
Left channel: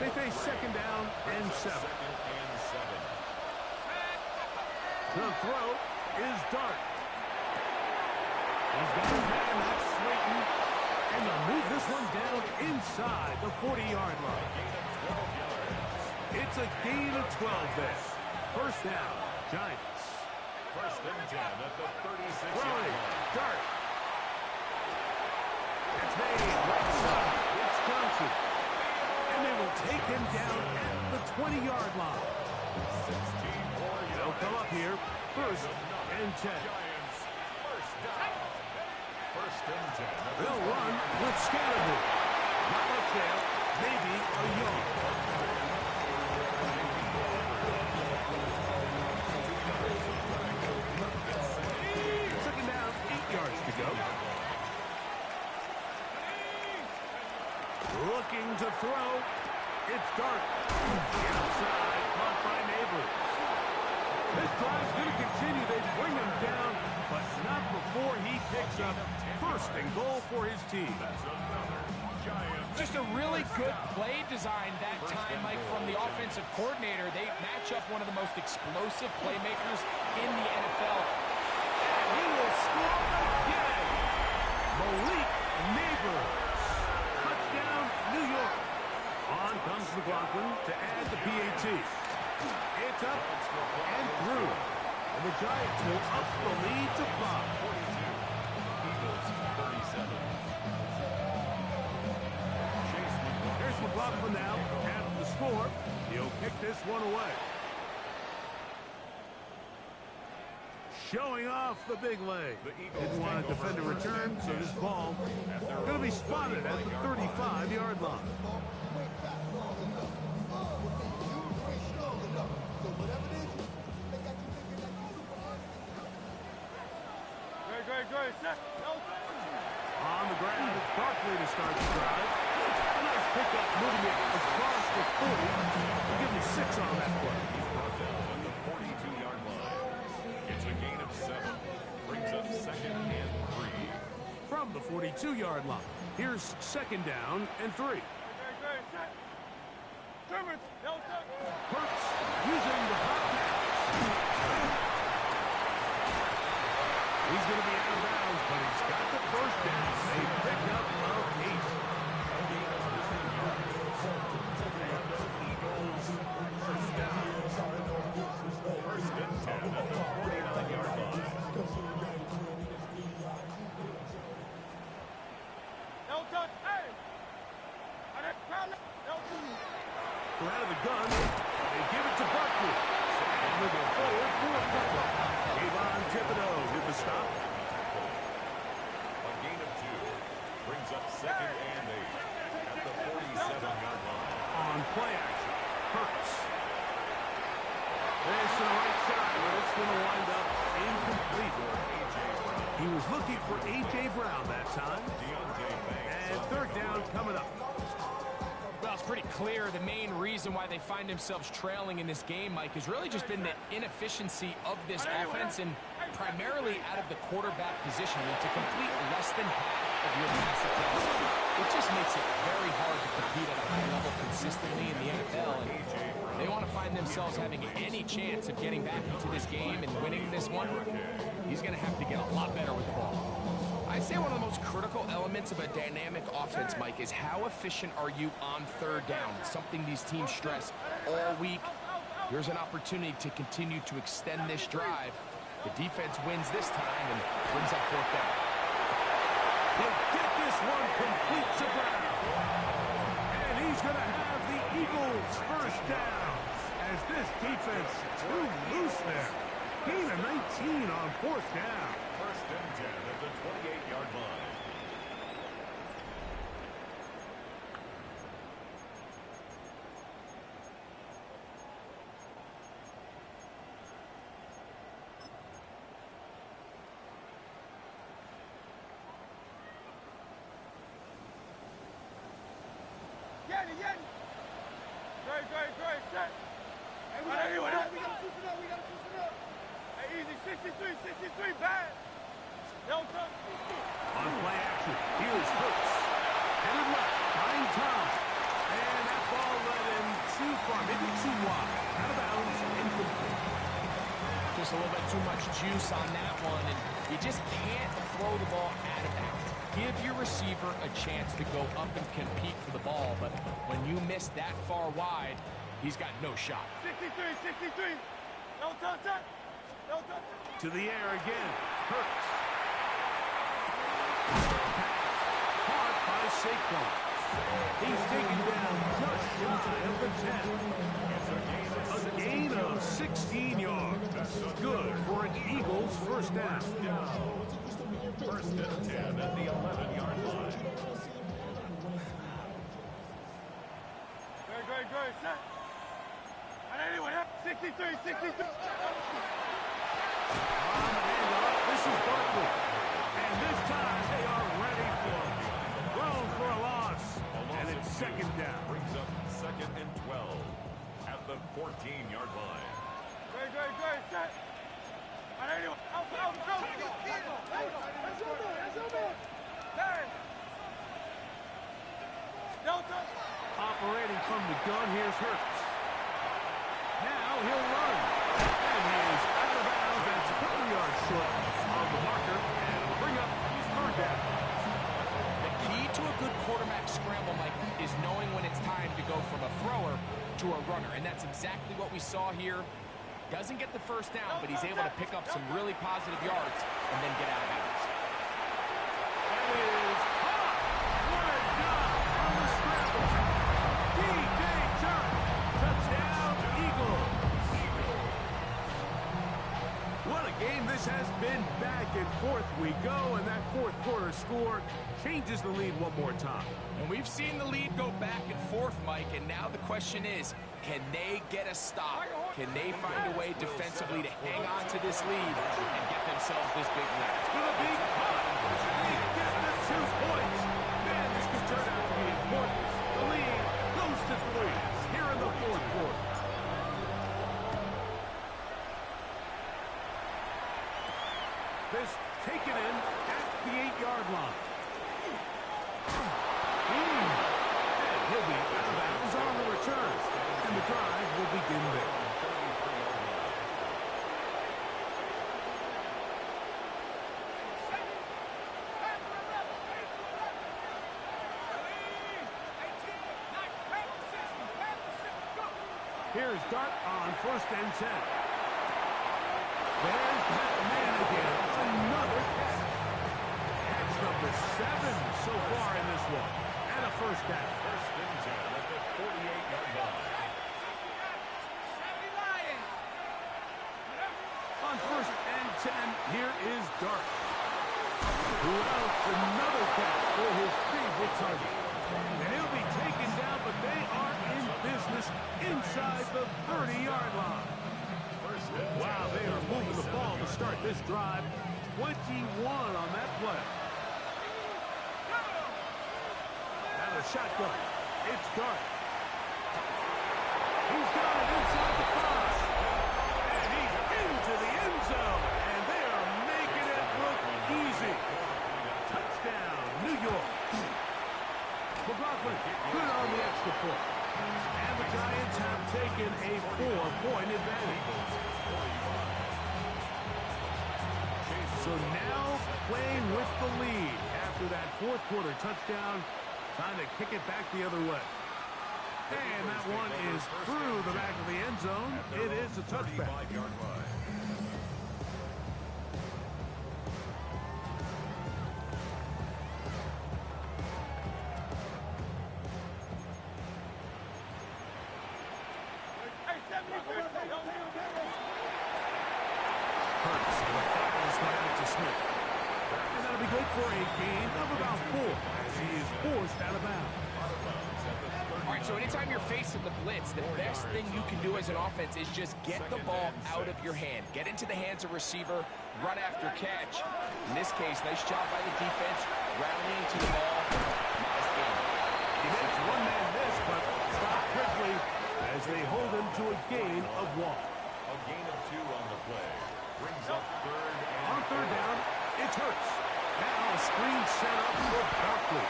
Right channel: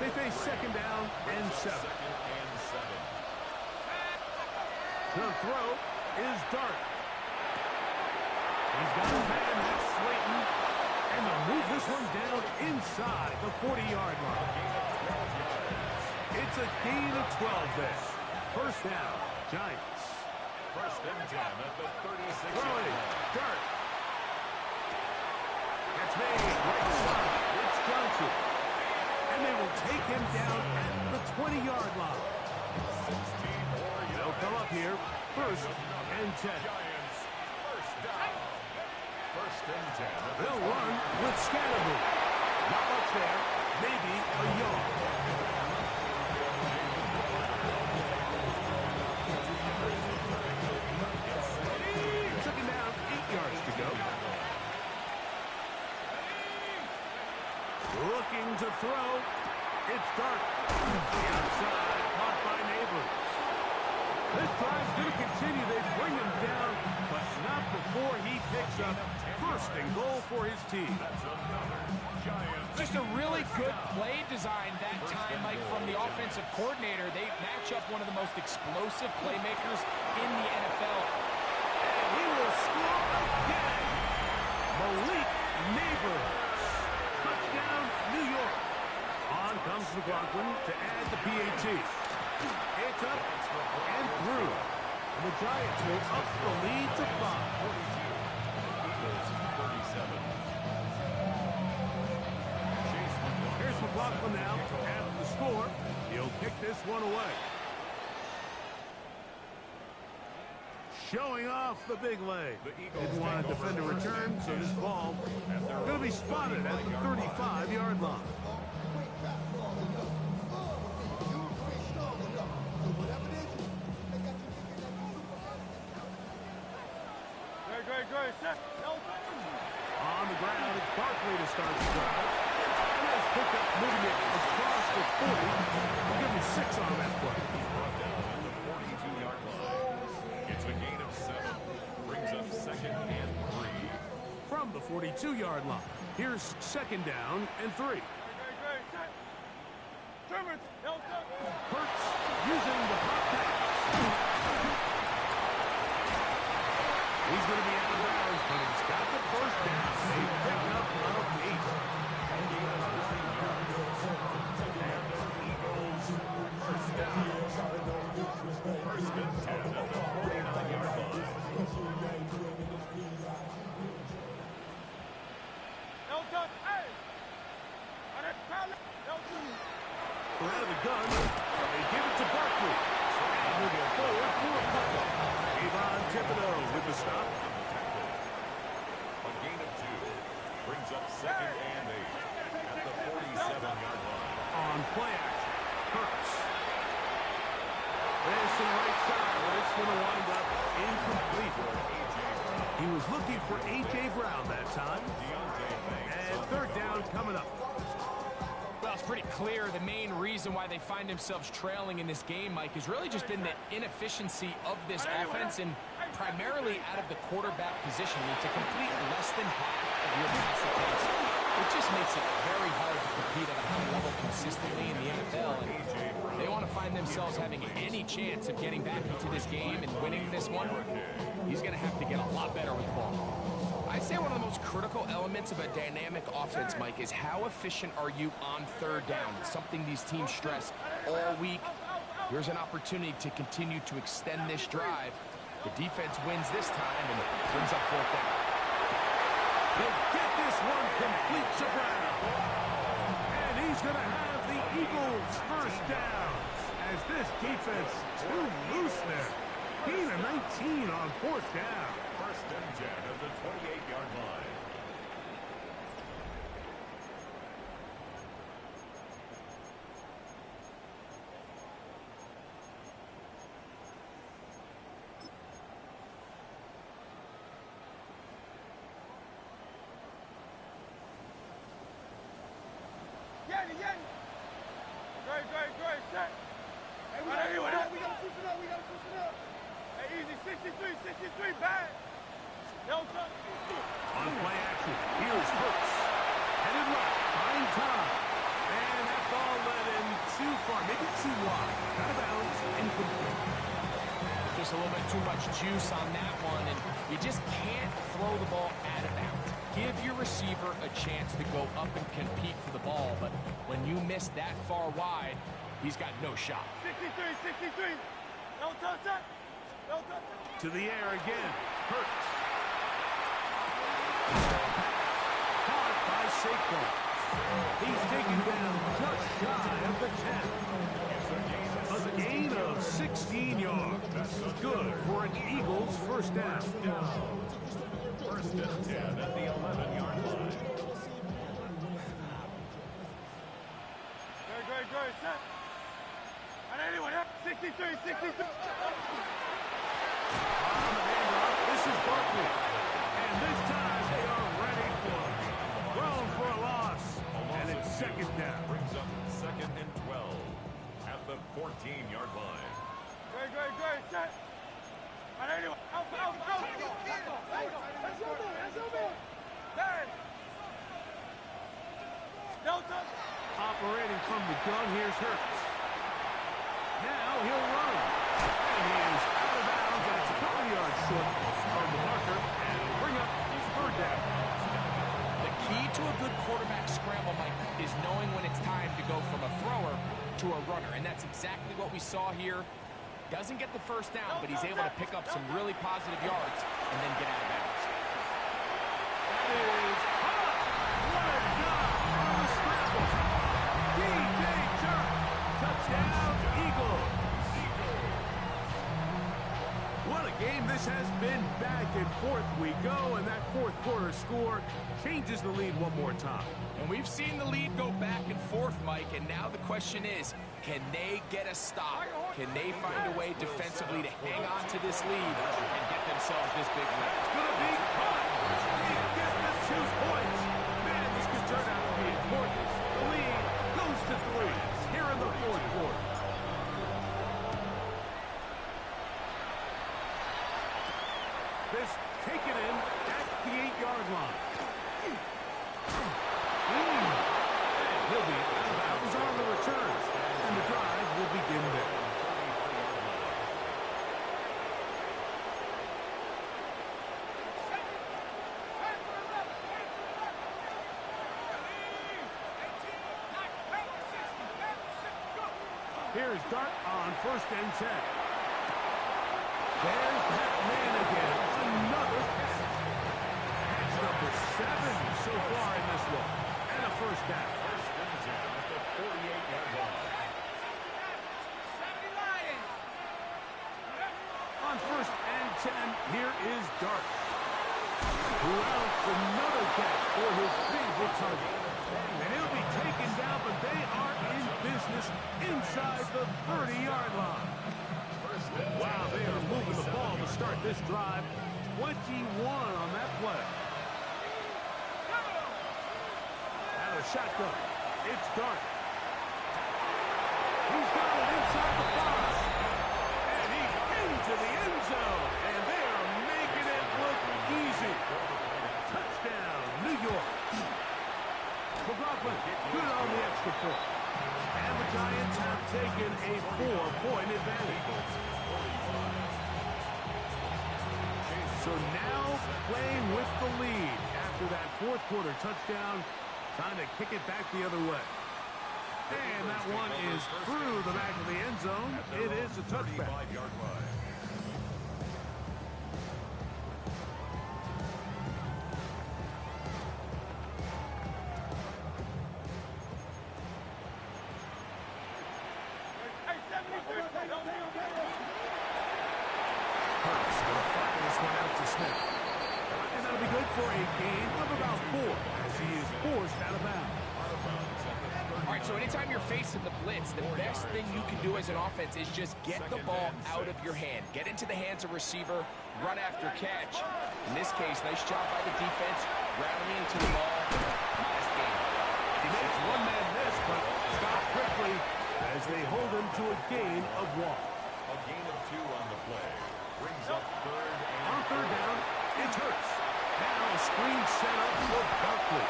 They face 2nd down and 7. The throw is Dart. He's got his man, that's Slayton. And they'll move this one down inside the 40-yard line. It's a gain of 12 there. 1st down, Giants. 1st and 10 at the 36-yard Throwing, line. Dart. It's made right side. It's Johnson. And they will take him down at the 20-yard line. 16 more yards. They'll come up here, 1st and 10. Giants, 1st down. 1st and 10. at the They'll run with Scattergood. Not much there, maybe a yard. Second down, 8 yards to go. start. The outside, caught by Neighbors. This drive's going to continue. They bring him down, but not before he picks up first and goal for his team. Just a really good play design that time, Mike, from the offensive coordinator. They match up one of the most explosive playmakers in the NFL. And he will score again. Malik Neighbors. Touchdown, New York. On comes McLaughlin to add the PAT. It's up and through. And the Giants will up the lead to 5. 42. Eagles 37. Here's McLaughlin now after the score. He'll kick this one away. Showing off the big leg. Didn't want to defend a return, so this ball going to be spotted at the 35-yard line. Great. Set. On the ground, it's Barkley to start the drive. A nice pickup, moving it across the 40. We'll give him 6 on that play. He's brought down at the 42-yard line. It's a gain of 7. Brings up 2nd and 3. From the 42-yard line, here's 2nd down and 3. Great. Set. Timmons. Hurts using the hot pass. He's going to be out of bounds, but he's got the first down. A pickup of 8. Eagles first down. First and 10 at the 49-yard line. Elton, hey! We're out of the gun. They give it to Barkley. And he'll get forward for a punt. Avon Thibodeau with the stop. A gain of 2. Brings up 2nd and 8 at the 47-yard line. On play action, Hurts. This to the right side, but it's going to wind up incomplete. A.J. Brown. He was looking for A.J. Brown that time. Deontay Banks. And 3rd down coming up. Well, it's pretty clear the main reason why they find themselves trailing in this game, Mike, has really just been the inefficiency of this offense and primarily out of the quarterback position. I mean, to complete less than half of your pass attempts, it just makes it very hard to compete at a high level consistently in the NFL. And they want to find themselves having any chance of getting back into this game and winning this one. He's going to have to get a lot better with the ball. I'd say one of the most critical elements of a dynamic offense, Mike, is how efficient are you on 3rd down? It's something these teams stress all week. Here's an opportunity to continue to extend this drive. The defense wins this time and brings up 4th down. He'll get this one complete to Brown. And he's going to have the Eagles first down. As this defense too loose there. Gain of 19 on 4th down. First and 10 at the 28-yard line. Yeti. Great. Set. Hey, we gotta switch it up. Hey, easy. 63, bad. Elton. On play action, here's Hurts. Headed left, buying time. And that ball led him too far, maybe too wide. Out of bounds, incomplete. Just a little bit too much juice on that one, and you just can't throw the ball out of bounds. Give your receiver a chance to go up and compete for the ball, but when you miss that far wide, he's got no shot. 63. Elton, set. To the air again, Hurts. Caught by Saquon. He's taken down just shy of the 10. A gain of 16 yards. Good for an Eagles first down. First and 10 at the 11-yard line. Great. Set. And anyway, 63. On the handoff, this is Barkley. And this time they are ready for him. Thrown for a loss. And it's second down. Brings up second and 12 at the 14-yard line. Great, set. And anyway, out. That's your man. Hey. Delta. Operating from the gun, here's Hurts. Now he'll run. And he is out of bounds. That's a couple yards short of the marker. And it'll bring up his third down. The key to a good quarterback scramble, Mike, is knowing when it's time to go from a thrower to a runner. And that's exactly what we saw here. Doesn't get the first down, but he's able to pick up some really positive yards and then get out of bounds. That is hot. What a job on the scramble. DJ Chark. Touchdown, Eagles. What a game this has been. Back and forth we go, and that fourth quarter score changes the lead one more time. And we've seen the lead go back and forth, Mike, and now the question is, can they get a stop? Can they find a way defensively to hang on to this lead and get themselves this big win? It's going to be caught. They get the 2 points. Man, this could turn out to be important. The lead goes to 3 here in the fourth quarter. This taken in at the 8-yard line. And he'll be out of bounds on the return. And the drive will begin there. Here's Dart on 1st and 10. There's that man again. Another catch. Catch number 7 so far in this one. And a first down. 1st and 10 at the 48-yard line. On 1st and 10, here is Dart. Who else? Another catch for his favorite target. And he'll be taken down, but they are in business inside the 30-yard line. Wow, they are moving the ball to start this drive. 21 on that play. Out of shotgun. It's Dart. He's got it inside the 5. And he's into the end zone. And they are making it look easy. Touchdown, New York. McLaughlin, good on the extra point. And the Giants have taken a 4-point advantage. So now playing with the lead after that fourth quarter touchdown. Time to kick it back the other way. And that one is through the back of the end zone. It is a touchback. Hurts going to fire this one out to Smith. And that'll be good for a gain of about 4 as he is forced out of bounds. All right, so anytime you're facing the blitz, the best thing you can do as an offense is just get the ball out of your hand. Get into the hands of receiver, run after catch. In this case, nice job by the defense, rallying to the ball. Modest gain. He makes one man miss, but stopped quickly as they hold him to a gain of 1. A gain of 2 on the play. Brings up 3rd and on 3rd down, it's Hurts. Now a screen set up for Barkley.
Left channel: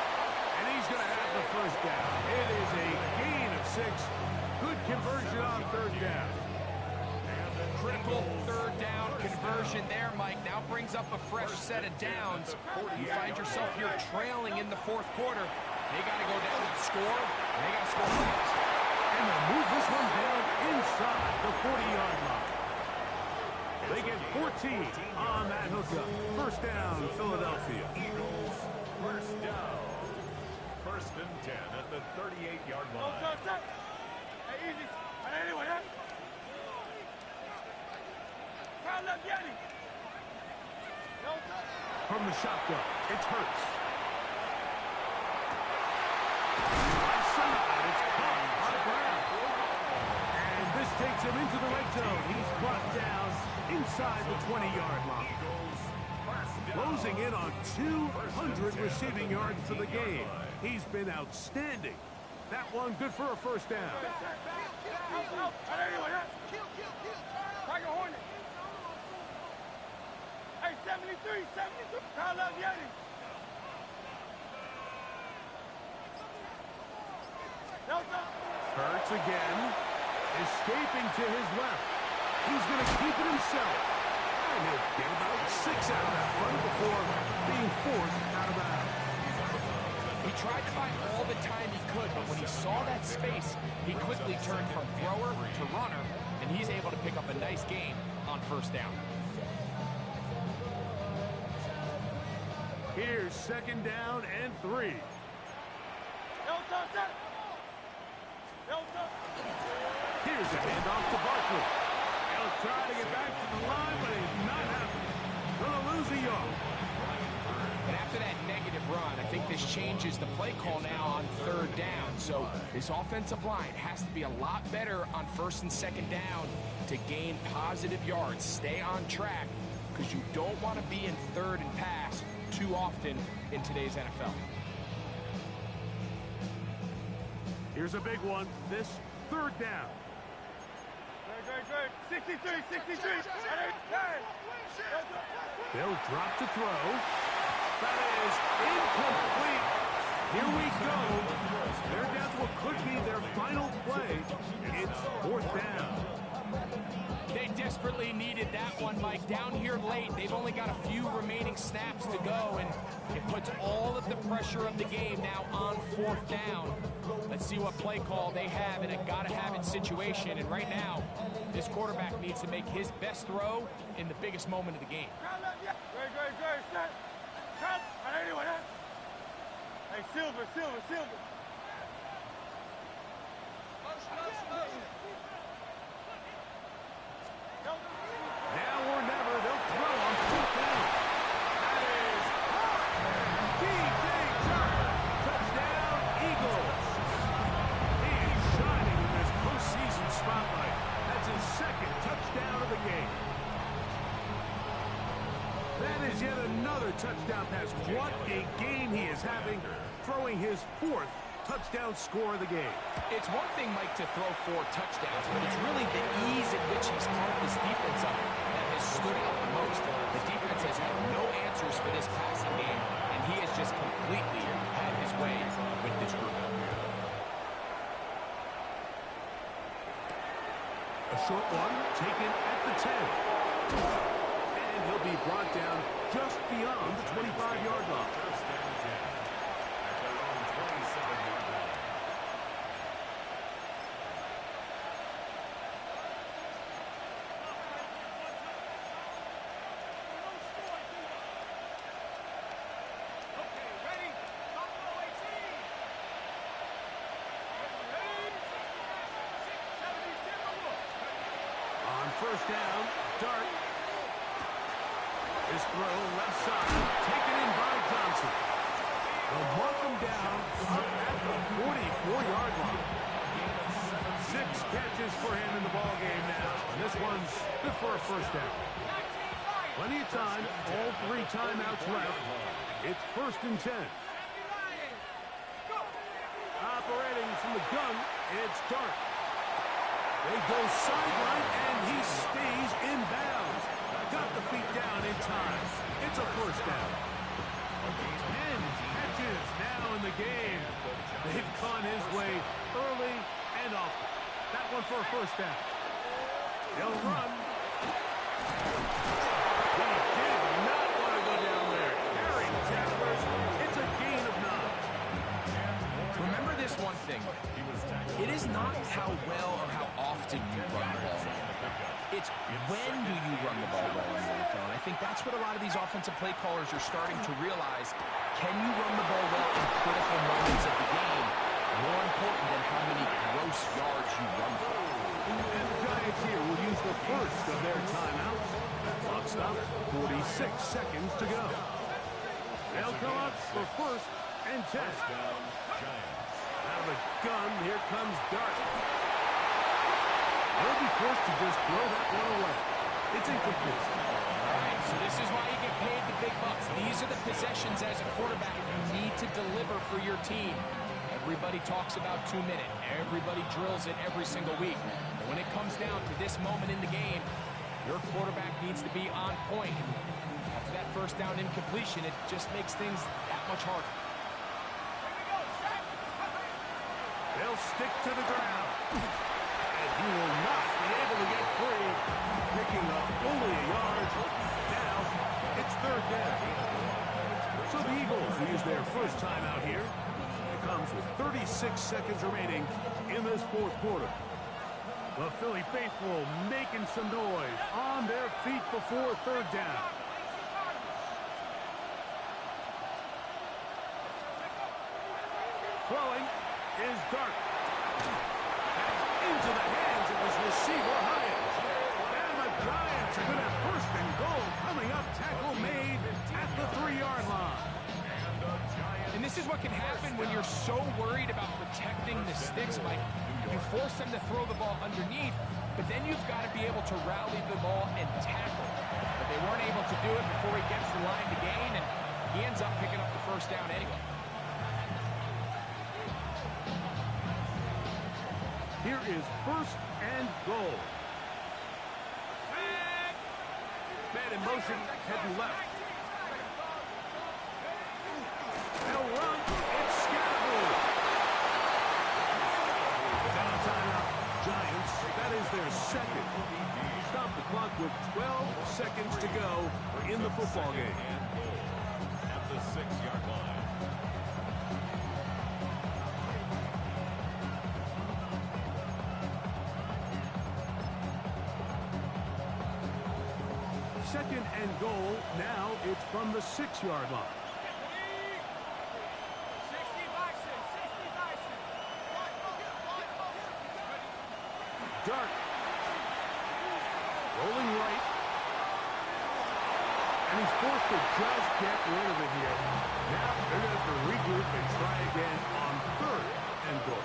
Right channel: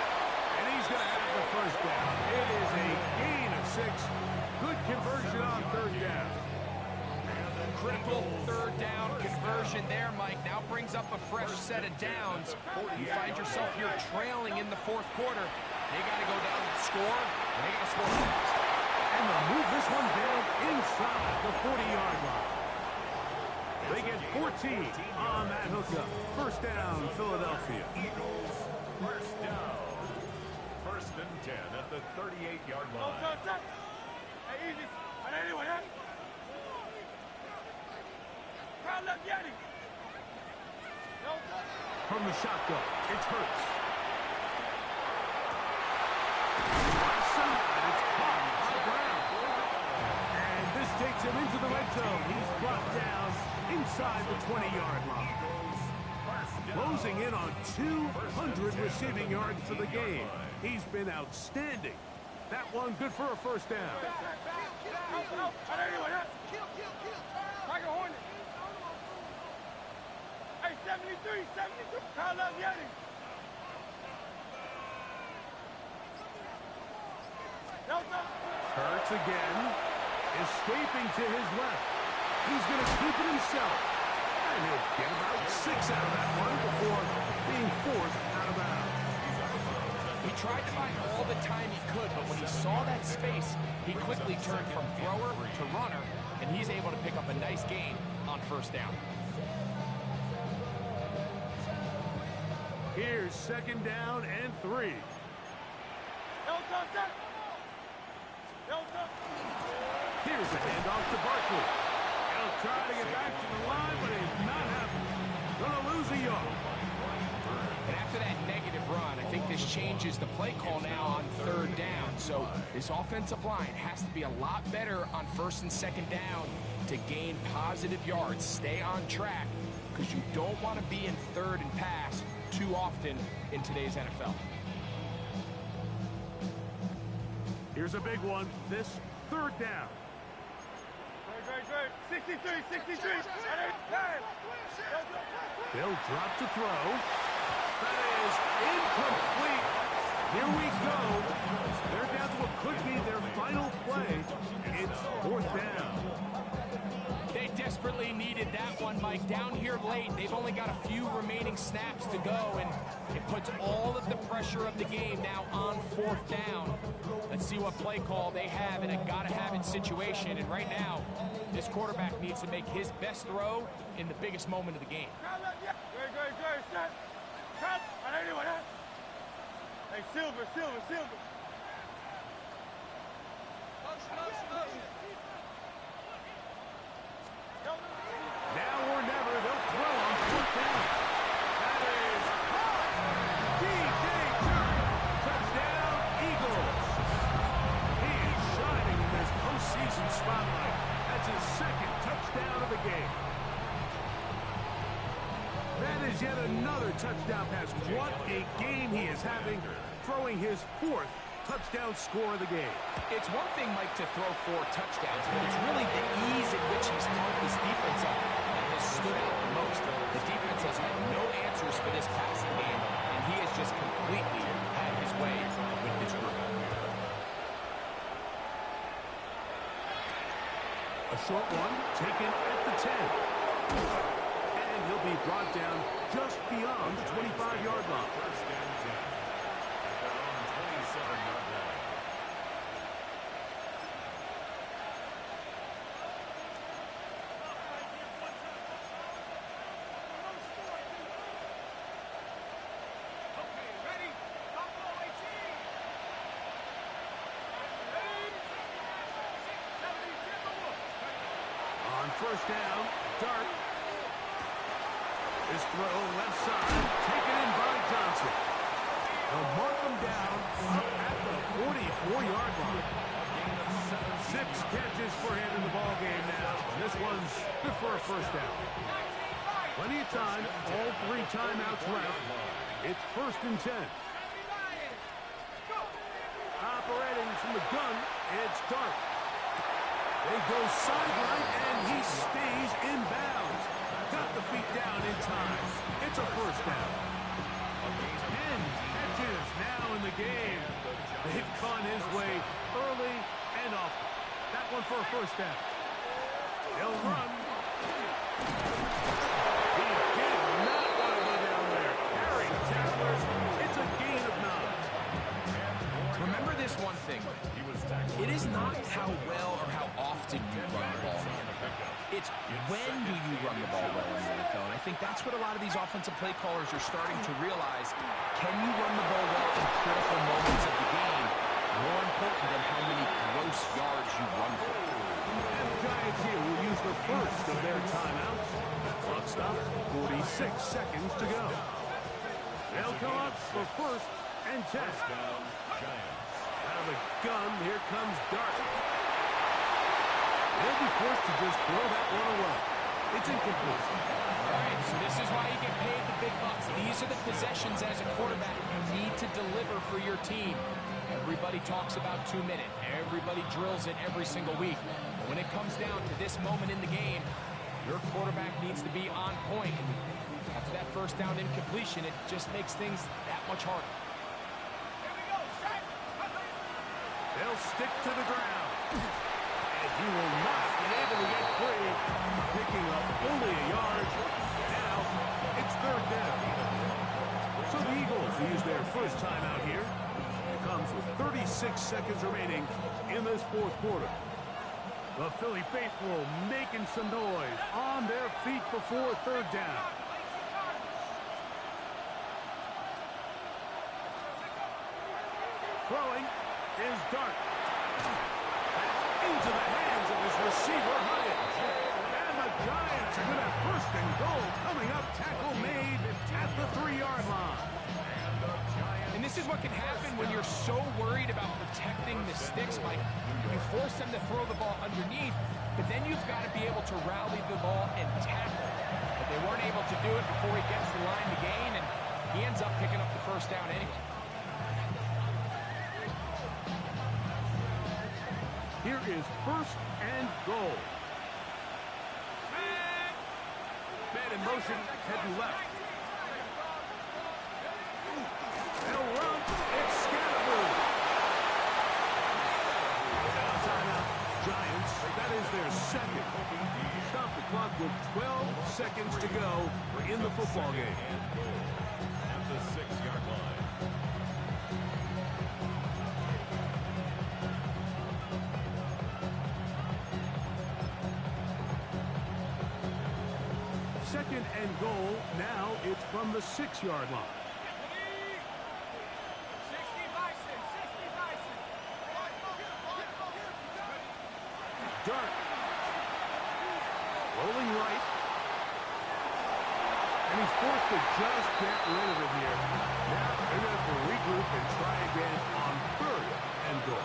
And he's going to have the first down. It is a gain of 6. Good conversion on 3rd down. Critical 3rd down conversion there, Mike. Now brings up a fresh set of downs. You find yourself here trailing in the fourth quarter. They got to go down and score, and they got to score fast. And they'll move this one down inside the 40-yard line. They get 14 on that hookup. First down, Philadelphia. Eagles, first down. 1st and 10 at the 38-yard line. Hey, easy. And anyway, huh? Crowd left Yanni. From the shotgun, it's Hurts. Right side, it's caught on Brown. And this takes him into the red zone. He's brought down inside the 20-yard line. Closing in on 200 receiving yards for the game. He's been outstanding That one good for a first down. Tiger Hornet. Hey, 73, 73. Kyle Yeti. Hurts again. Escaping to his left. He's going to keep it himself. And he'll get about 6 out of that one before being forced out of bounds. He tried to buy all the time he could, but when he saw that space, he quickly turned from thrower to runner, and he's able to pick up a nice gain on first down. Here's 2nd down and 3. Here's a handoff to Barkley. He'll try to get back to the line, but it's not happening. Gonna lose a yard. And after that negative run, I think this changes the play call now on 3rd down. So this offensive line has to be a lot better on 1st and 2nd down to gain positive yards. Stay on track, because you don't want to be in 3rd and pass too often in today's NFL. Here's a big one. This 3rd down. Great. 63, 63. They'll drop to throw. That is incomplete. Here we go. They're down to what could be their final play. It's 4th down. They desperately needed that one, Mike. Down here late, they've only got a few remaining snaps to go, and it puts all of the pressure of the game now on 4th down. Let's see what play call they have in a gotta-have-it situation, and right now, this quarterback needs to make his best throw in the biggest moment of the game. Great. Hey, Silver. Now or never, they'll throw on 4th down. That is hot. DJ Chark. Touchdown, Eagles. He is shining in this postseason spotlight. That's his 2nd touchdown of the game. That is yet another touchdown pass. What a game he is having, throwing his 4th touchdown score of the game. It's one thing, Mike, to throw 4 touchdowns, but it's really the ease at which he's carved this defense up that has stood out the most. The defense has had no answers for this passing game, and he has just completely had his way with this group. A short one taken at the 10. And he'll be brought down just beyond the 25-yard line. 1st and 10 at their own 27-yard line. On 1st down, Dart. His throw left side, taken in by Johnson. They'll mark him down up at the 44-yard line. 6 catches for him in the ball game now. And this one's good for a 1st down. Plenty of time, all 3 timeouts left. It's 1st and 10. Operating from the gun, it's Dart. They go sideline, and he stays in bounds. Got the feet down in time. It's a 1st down. 10 catches now in the game. They've gone his way early and often. That one for a 1st down. They'll run. He did not want to go down there. Carrying tacklers. It's a gain of 9. Remember this one thing. It is not how well or how often you run the ball in the NFL. It's when do you run the ball well in the NFL. And I think that's what a lot of these offensive play callers are starting to realize. Can you run the ball well in critical moments of the game? More important than how many gross yards you run for. And the Giants here will use the first of their timeouts. Clock stops, 46 seconds to go. They'll come up for 1st and 10. Out of the gun, here comes Dart. They'll be forced to just throw that one away. It's incomplete. All right, so this is why you get paid the big bucks. These are the possessions as a quarterback you need to deliver for your team. Everybody talks about 2-minute. Everybody drills it every single week. But when it comes down to this moment in the game, your quarterback needs to be on point. And after that first down incompletion, it just makes things that much harder. They'll stick to the ground. And he will not be able to get free. Picking up only a yard. Now, it's third down. So the Eagles use their first time out here. It comes with 36 seconds remaining in this fourth quarter. The Philly faithful making some noise on their feet before third down. Throwing is Dart. That's into the hands of his receiver, Hyatt. And the Giants are going to have first and goal coming up. Tackle made at the 3-yard line. And this is what can happen when you're so worried about protecting the sticks, Mike. You force them to throw the ball underneath, but then you've got to be able to rally the ball and tackle. But they weren't able to do it before he gets the line to gain, and he ends up picking up the first down anyway. Here is first and goal. Man in motion, heading left. They'll run. It's Scatterboo. Now timeout, Giants. That is their second. Stop the clock with 12 seconds to go in the football game. At the 6-yard line. Second and goal. Now it's from the 6-yard line. Dart. Rolling right. And he's forced to just get rid of it here. Now they're going to have to regroup and try again on third and goal.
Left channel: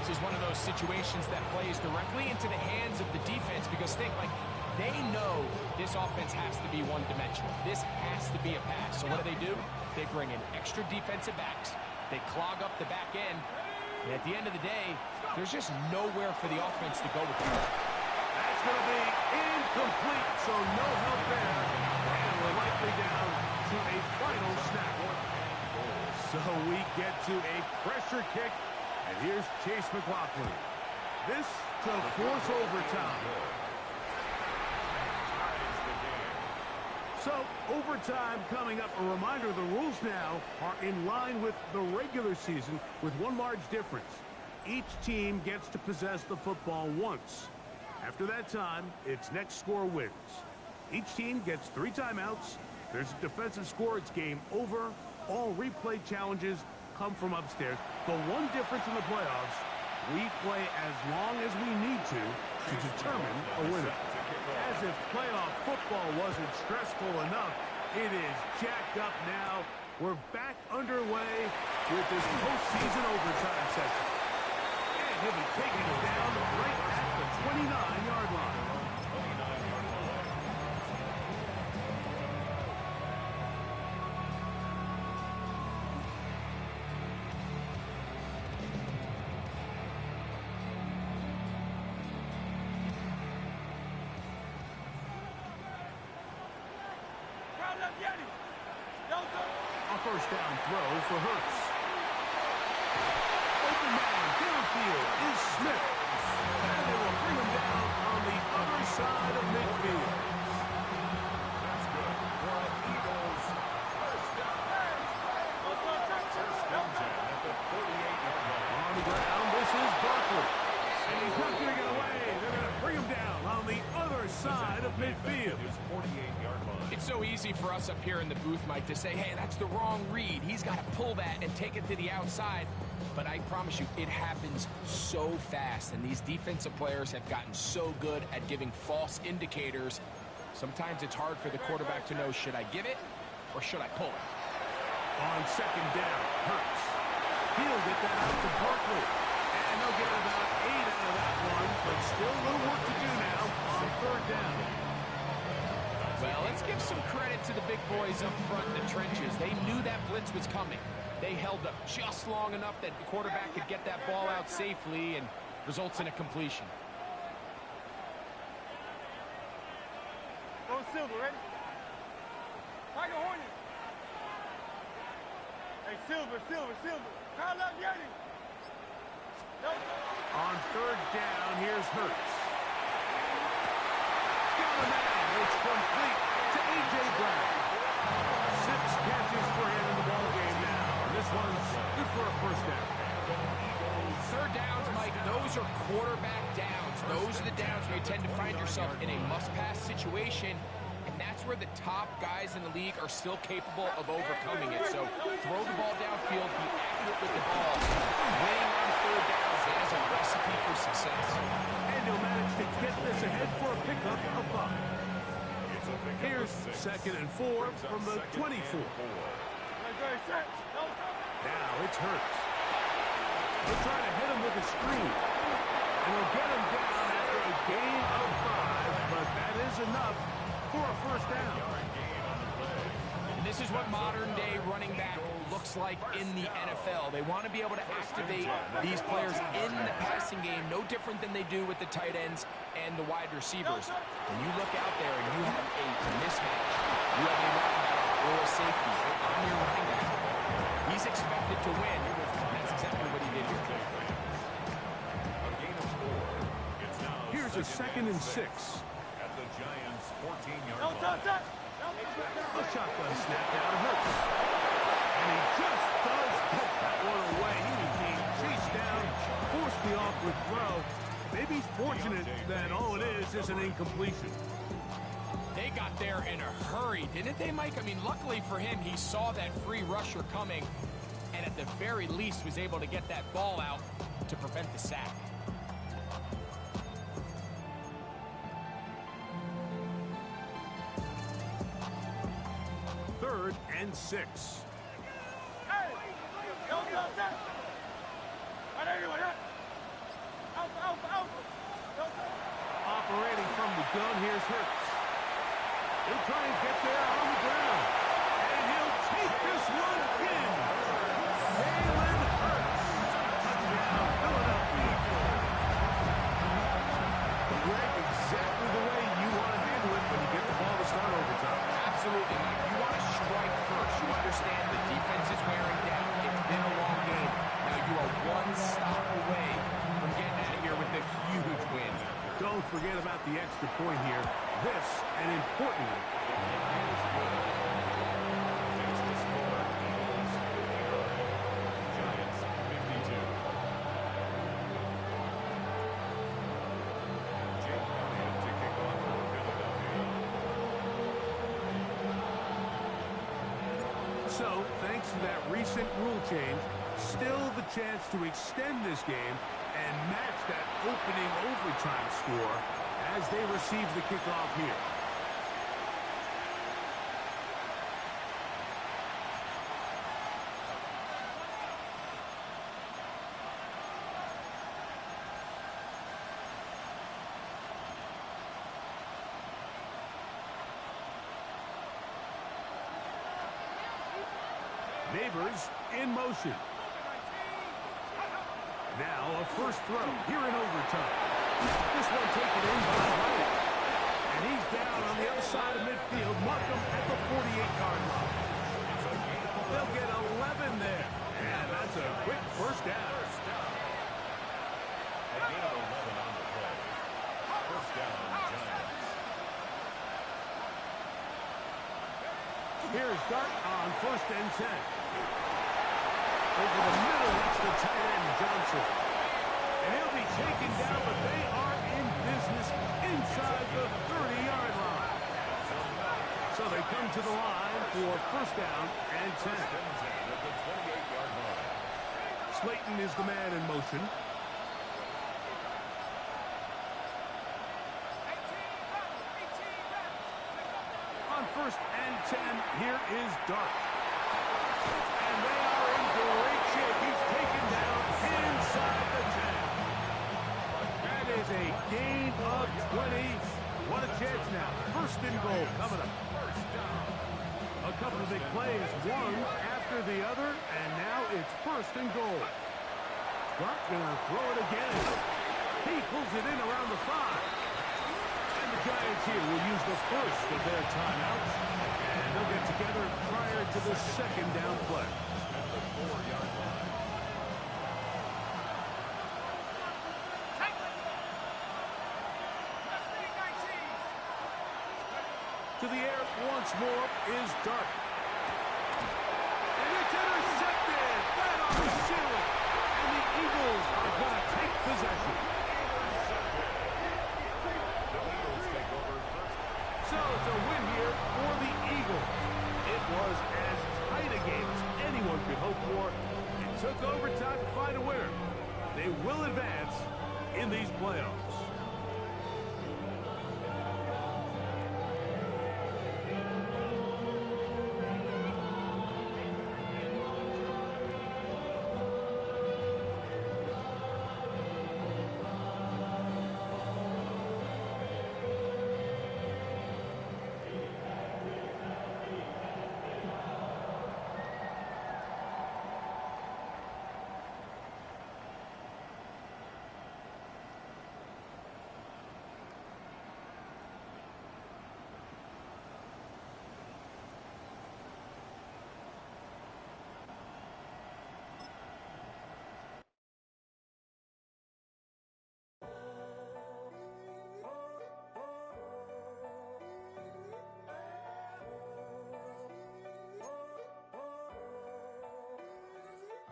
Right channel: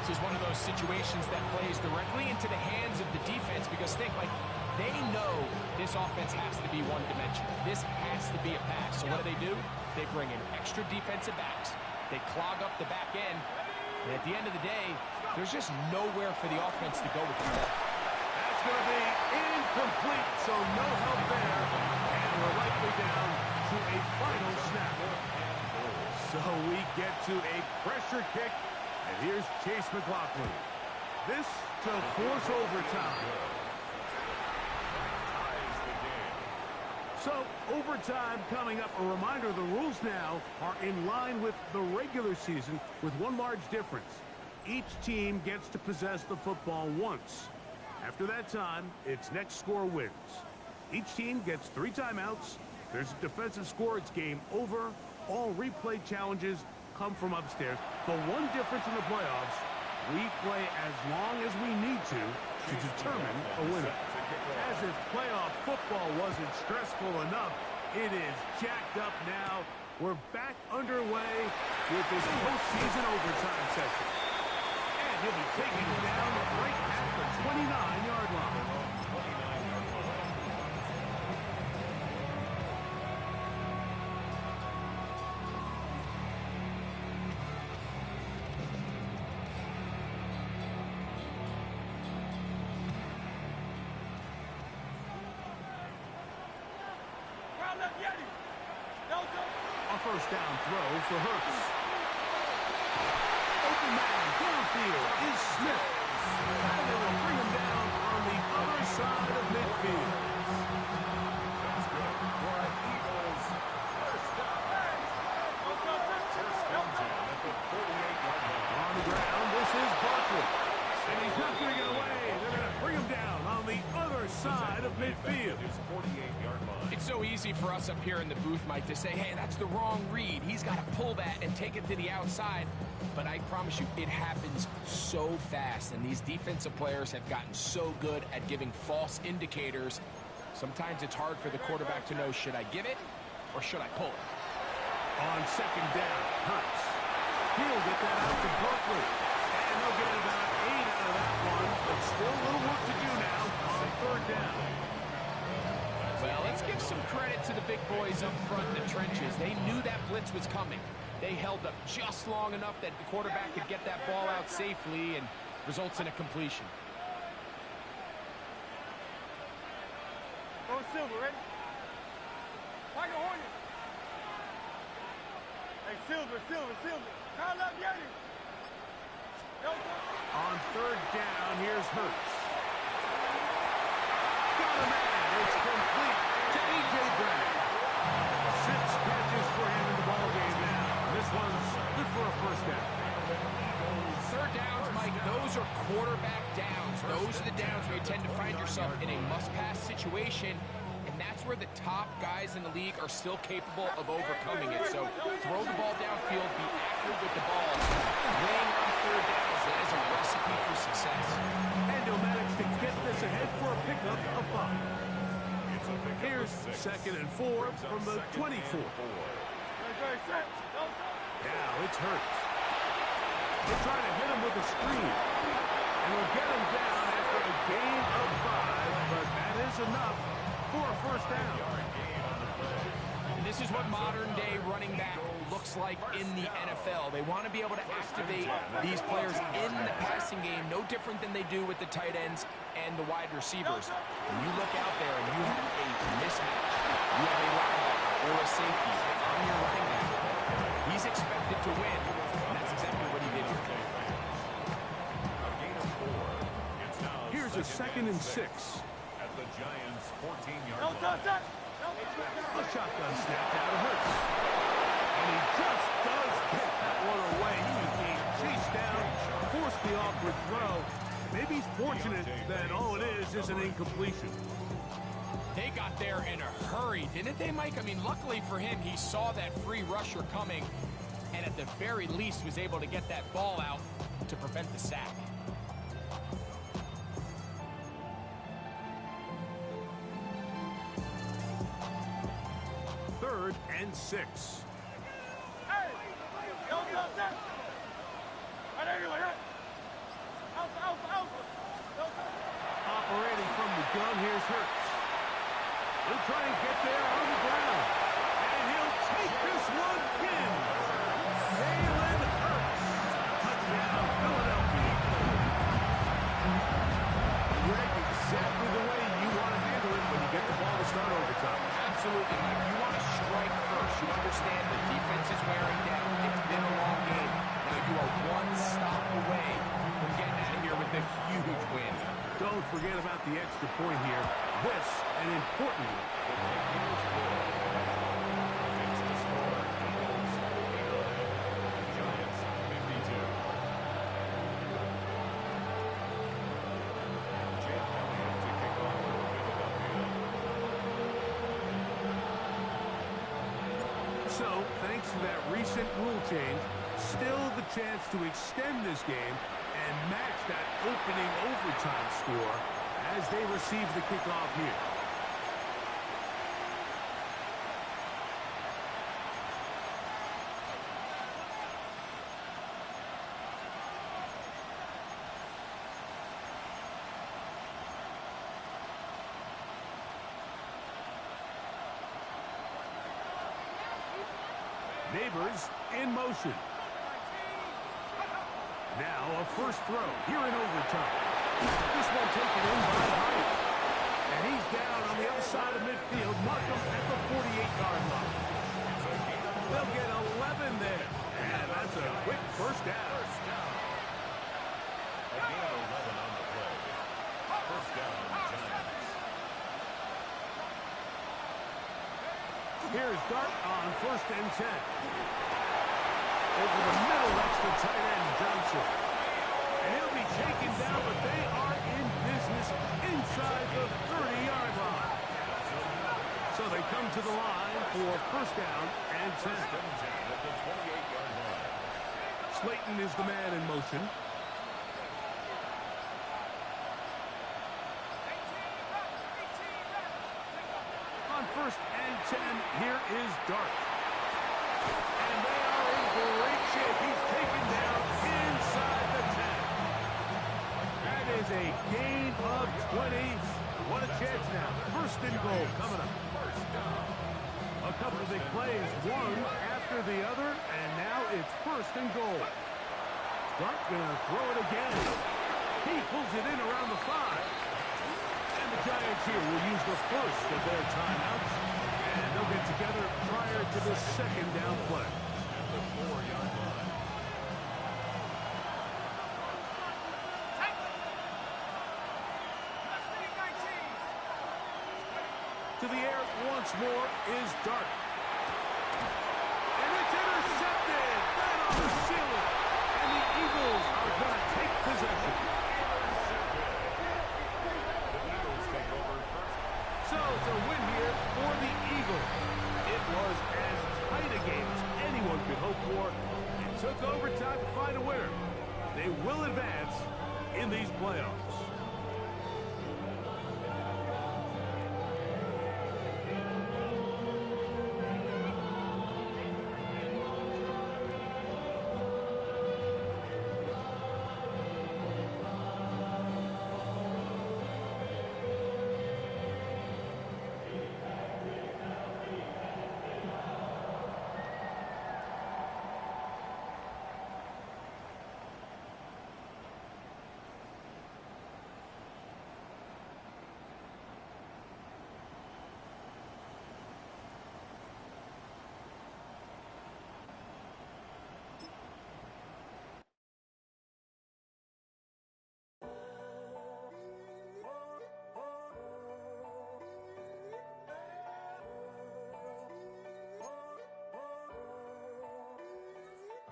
This is one of those situations that plays directly into the hands of the defense because think, like, they know this offense has to be one-dimensional. This has to be a pass. So what do? They bring in extra defensive backs. They clog up the back end. And at the end of the day, there's just nowhere for the offense to go with the ball. That's going to be incomplete, so no help there. And we're likely down to a final snap. So we get to a pressure kick, and here's Chase McLaughlin. This to force overtime. So, overtime coming up. A reminder, the rules now are in line with the regular season with one large difference. Each team gets to possess the football once. After that time, its next score wins. Each team gets 3 timeouts. There's a defensive score. It's game over. All replay challenges come from upstairs. The one difference in the playoffs, we play as long as we need to determine a winner. As if playoff football wasn't stressful enough, it is jacked up now. We're back underway with this postseason overtime section. And he'll be taking it down right at the 29-yard line. A first down throw for Hurts. Open man downfield is Smith. And they will bring him down on the other side of midfield. That's good for an Eagles first down. First and 10 at the 48-yard line. On the ground, this is Barkley. And he's not going to get away. They're going to bring him down on the other side of midfield. His 48-yard line. It's so easy for us up here in the booth, Mike, to say, hey, that's the wrong read. He's got to pull that and take it to the outside. But I promise you, it happens so fast. And these defensive players have gotten so good at giving false indicators. Sometimes it's hard for the quarterback to know, should I give it or should I pull it? On second down, Hurts. He'll get that out to Barkley. And they'll get about 8 out of that one. But still a little work to do now on third down. Well, let's give some credit to the big boys up front in the trenches. They knew that blitz was coming. They held up just long enough that the quarterback could get that ball out safely and results in a completion. Go Silver, ready? Tiger Hornet. Hey, Silver. Kyle Lavieri. On third down, here's Hurts. Got a man. It's complete to A.J. Brown. 6 catches for him in the ballgame now. And this one's good for a first down. Third downs, Mike, those are quarterback downs. Those are the downs where you tend to find yourself in a must-pass situation, and that's where the top guys in the league are still capable of overcoming it. So throw the ball downfield, be accurate with the ball. Winning on third downs, that is a recipe for success. And he'll manage to get this ahead for a pickup of 5. Here's 2nd and 4 from the 24. Now it's Hurts. They'll try to hit him with a screen. And he'll get him down after a gain of 5, but that is enough for a first down. And this is what modern-day running back looks like in the NFL. They want to be able to activate these players in the passing game, no different than they do with the tight ends and the wide receivers. When you look out there and you have a mismatch, you have a linebacker or a safety on your running back, he's expected to win, and that's exactly what he did here. Here's a 2nd and 6. At the Giants' 14-yard line. A shotgun snap now to Hurts. And he just does get that one away. He was being chased down, forced the awkward throw. Maybe he's fortunate that all it is an incompletion. They got there in a hurry, didn't they, Mike? I mean, luckily for him, he saw that free rusher coming, and at the very least was able to get that ball out to prevent the sack. Third and 6. Operating from the gun, here's Hurts. He'll try and get there on the ground. And he'll take this one in. Jalen Hurts. Touchdown, Philadelphia. Greg, exactly the way you want to handle it when you get the ball to start overtime. Absolutely, Mike. You want to strike first. You understand the defense is wearing down. It's been a long game. Now you are one stop away from getting out of here with a huge win. Don't forget about the extra point here. This, an important one. It's the score. Eagles 59. Giants 52. Jake Elliott to kick off for Philadelphia. So, thanks to that recent rule change, still the chance to extend this game and match that opening overtime score as they receive the kickoff here. Neighbors in motion. Now a first throw here in overtime. This one taken in by Hyatt. And he's down on the other side of midfield. Mark him at the 48-yard line. They'll get 11 there. And that's a quick first down. A gain of 11 on the play. First down, Giants. Here's Dart on 1st and 10. Over the middle, that's the tight end, Johnson. And he'll be taken down, but they are in business inside the 30-yard line. So they come to the line for first down and 10. First and 10 at the 28-yard line. Slayton is the man in motion. On 1st and 10, here is Dart. And they are in great shape. He's taken down inside the 10. That is a gain of 20. What a chance now. 1st and goal coming up. First down. A couple of big plays, one after the other, and now it's 1st and goal. Clark gonna throw it again. He pulls it in around the 5. And the Giants here will use the first of their timeouts, and they'll get together prior to the 2nd down play. At the 4-yard line. To the air once more is Dart. And it's intercepted. That ought to seal it. And the Eagles are going to take possession. The Eagles take over first. So it's a win here for the Eagles. It was as tight a game as anyone could hope for. It took overtime to find a winner. They will advance in these playoffs.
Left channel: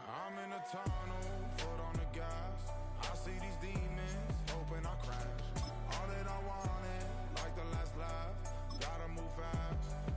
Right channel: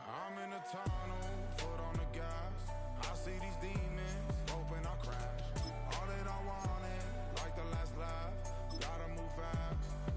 I'm in a tunnel, foot on the gas. I see these demons, hoping I crash. All that I wanted, like the last laugh. Gotta move fast.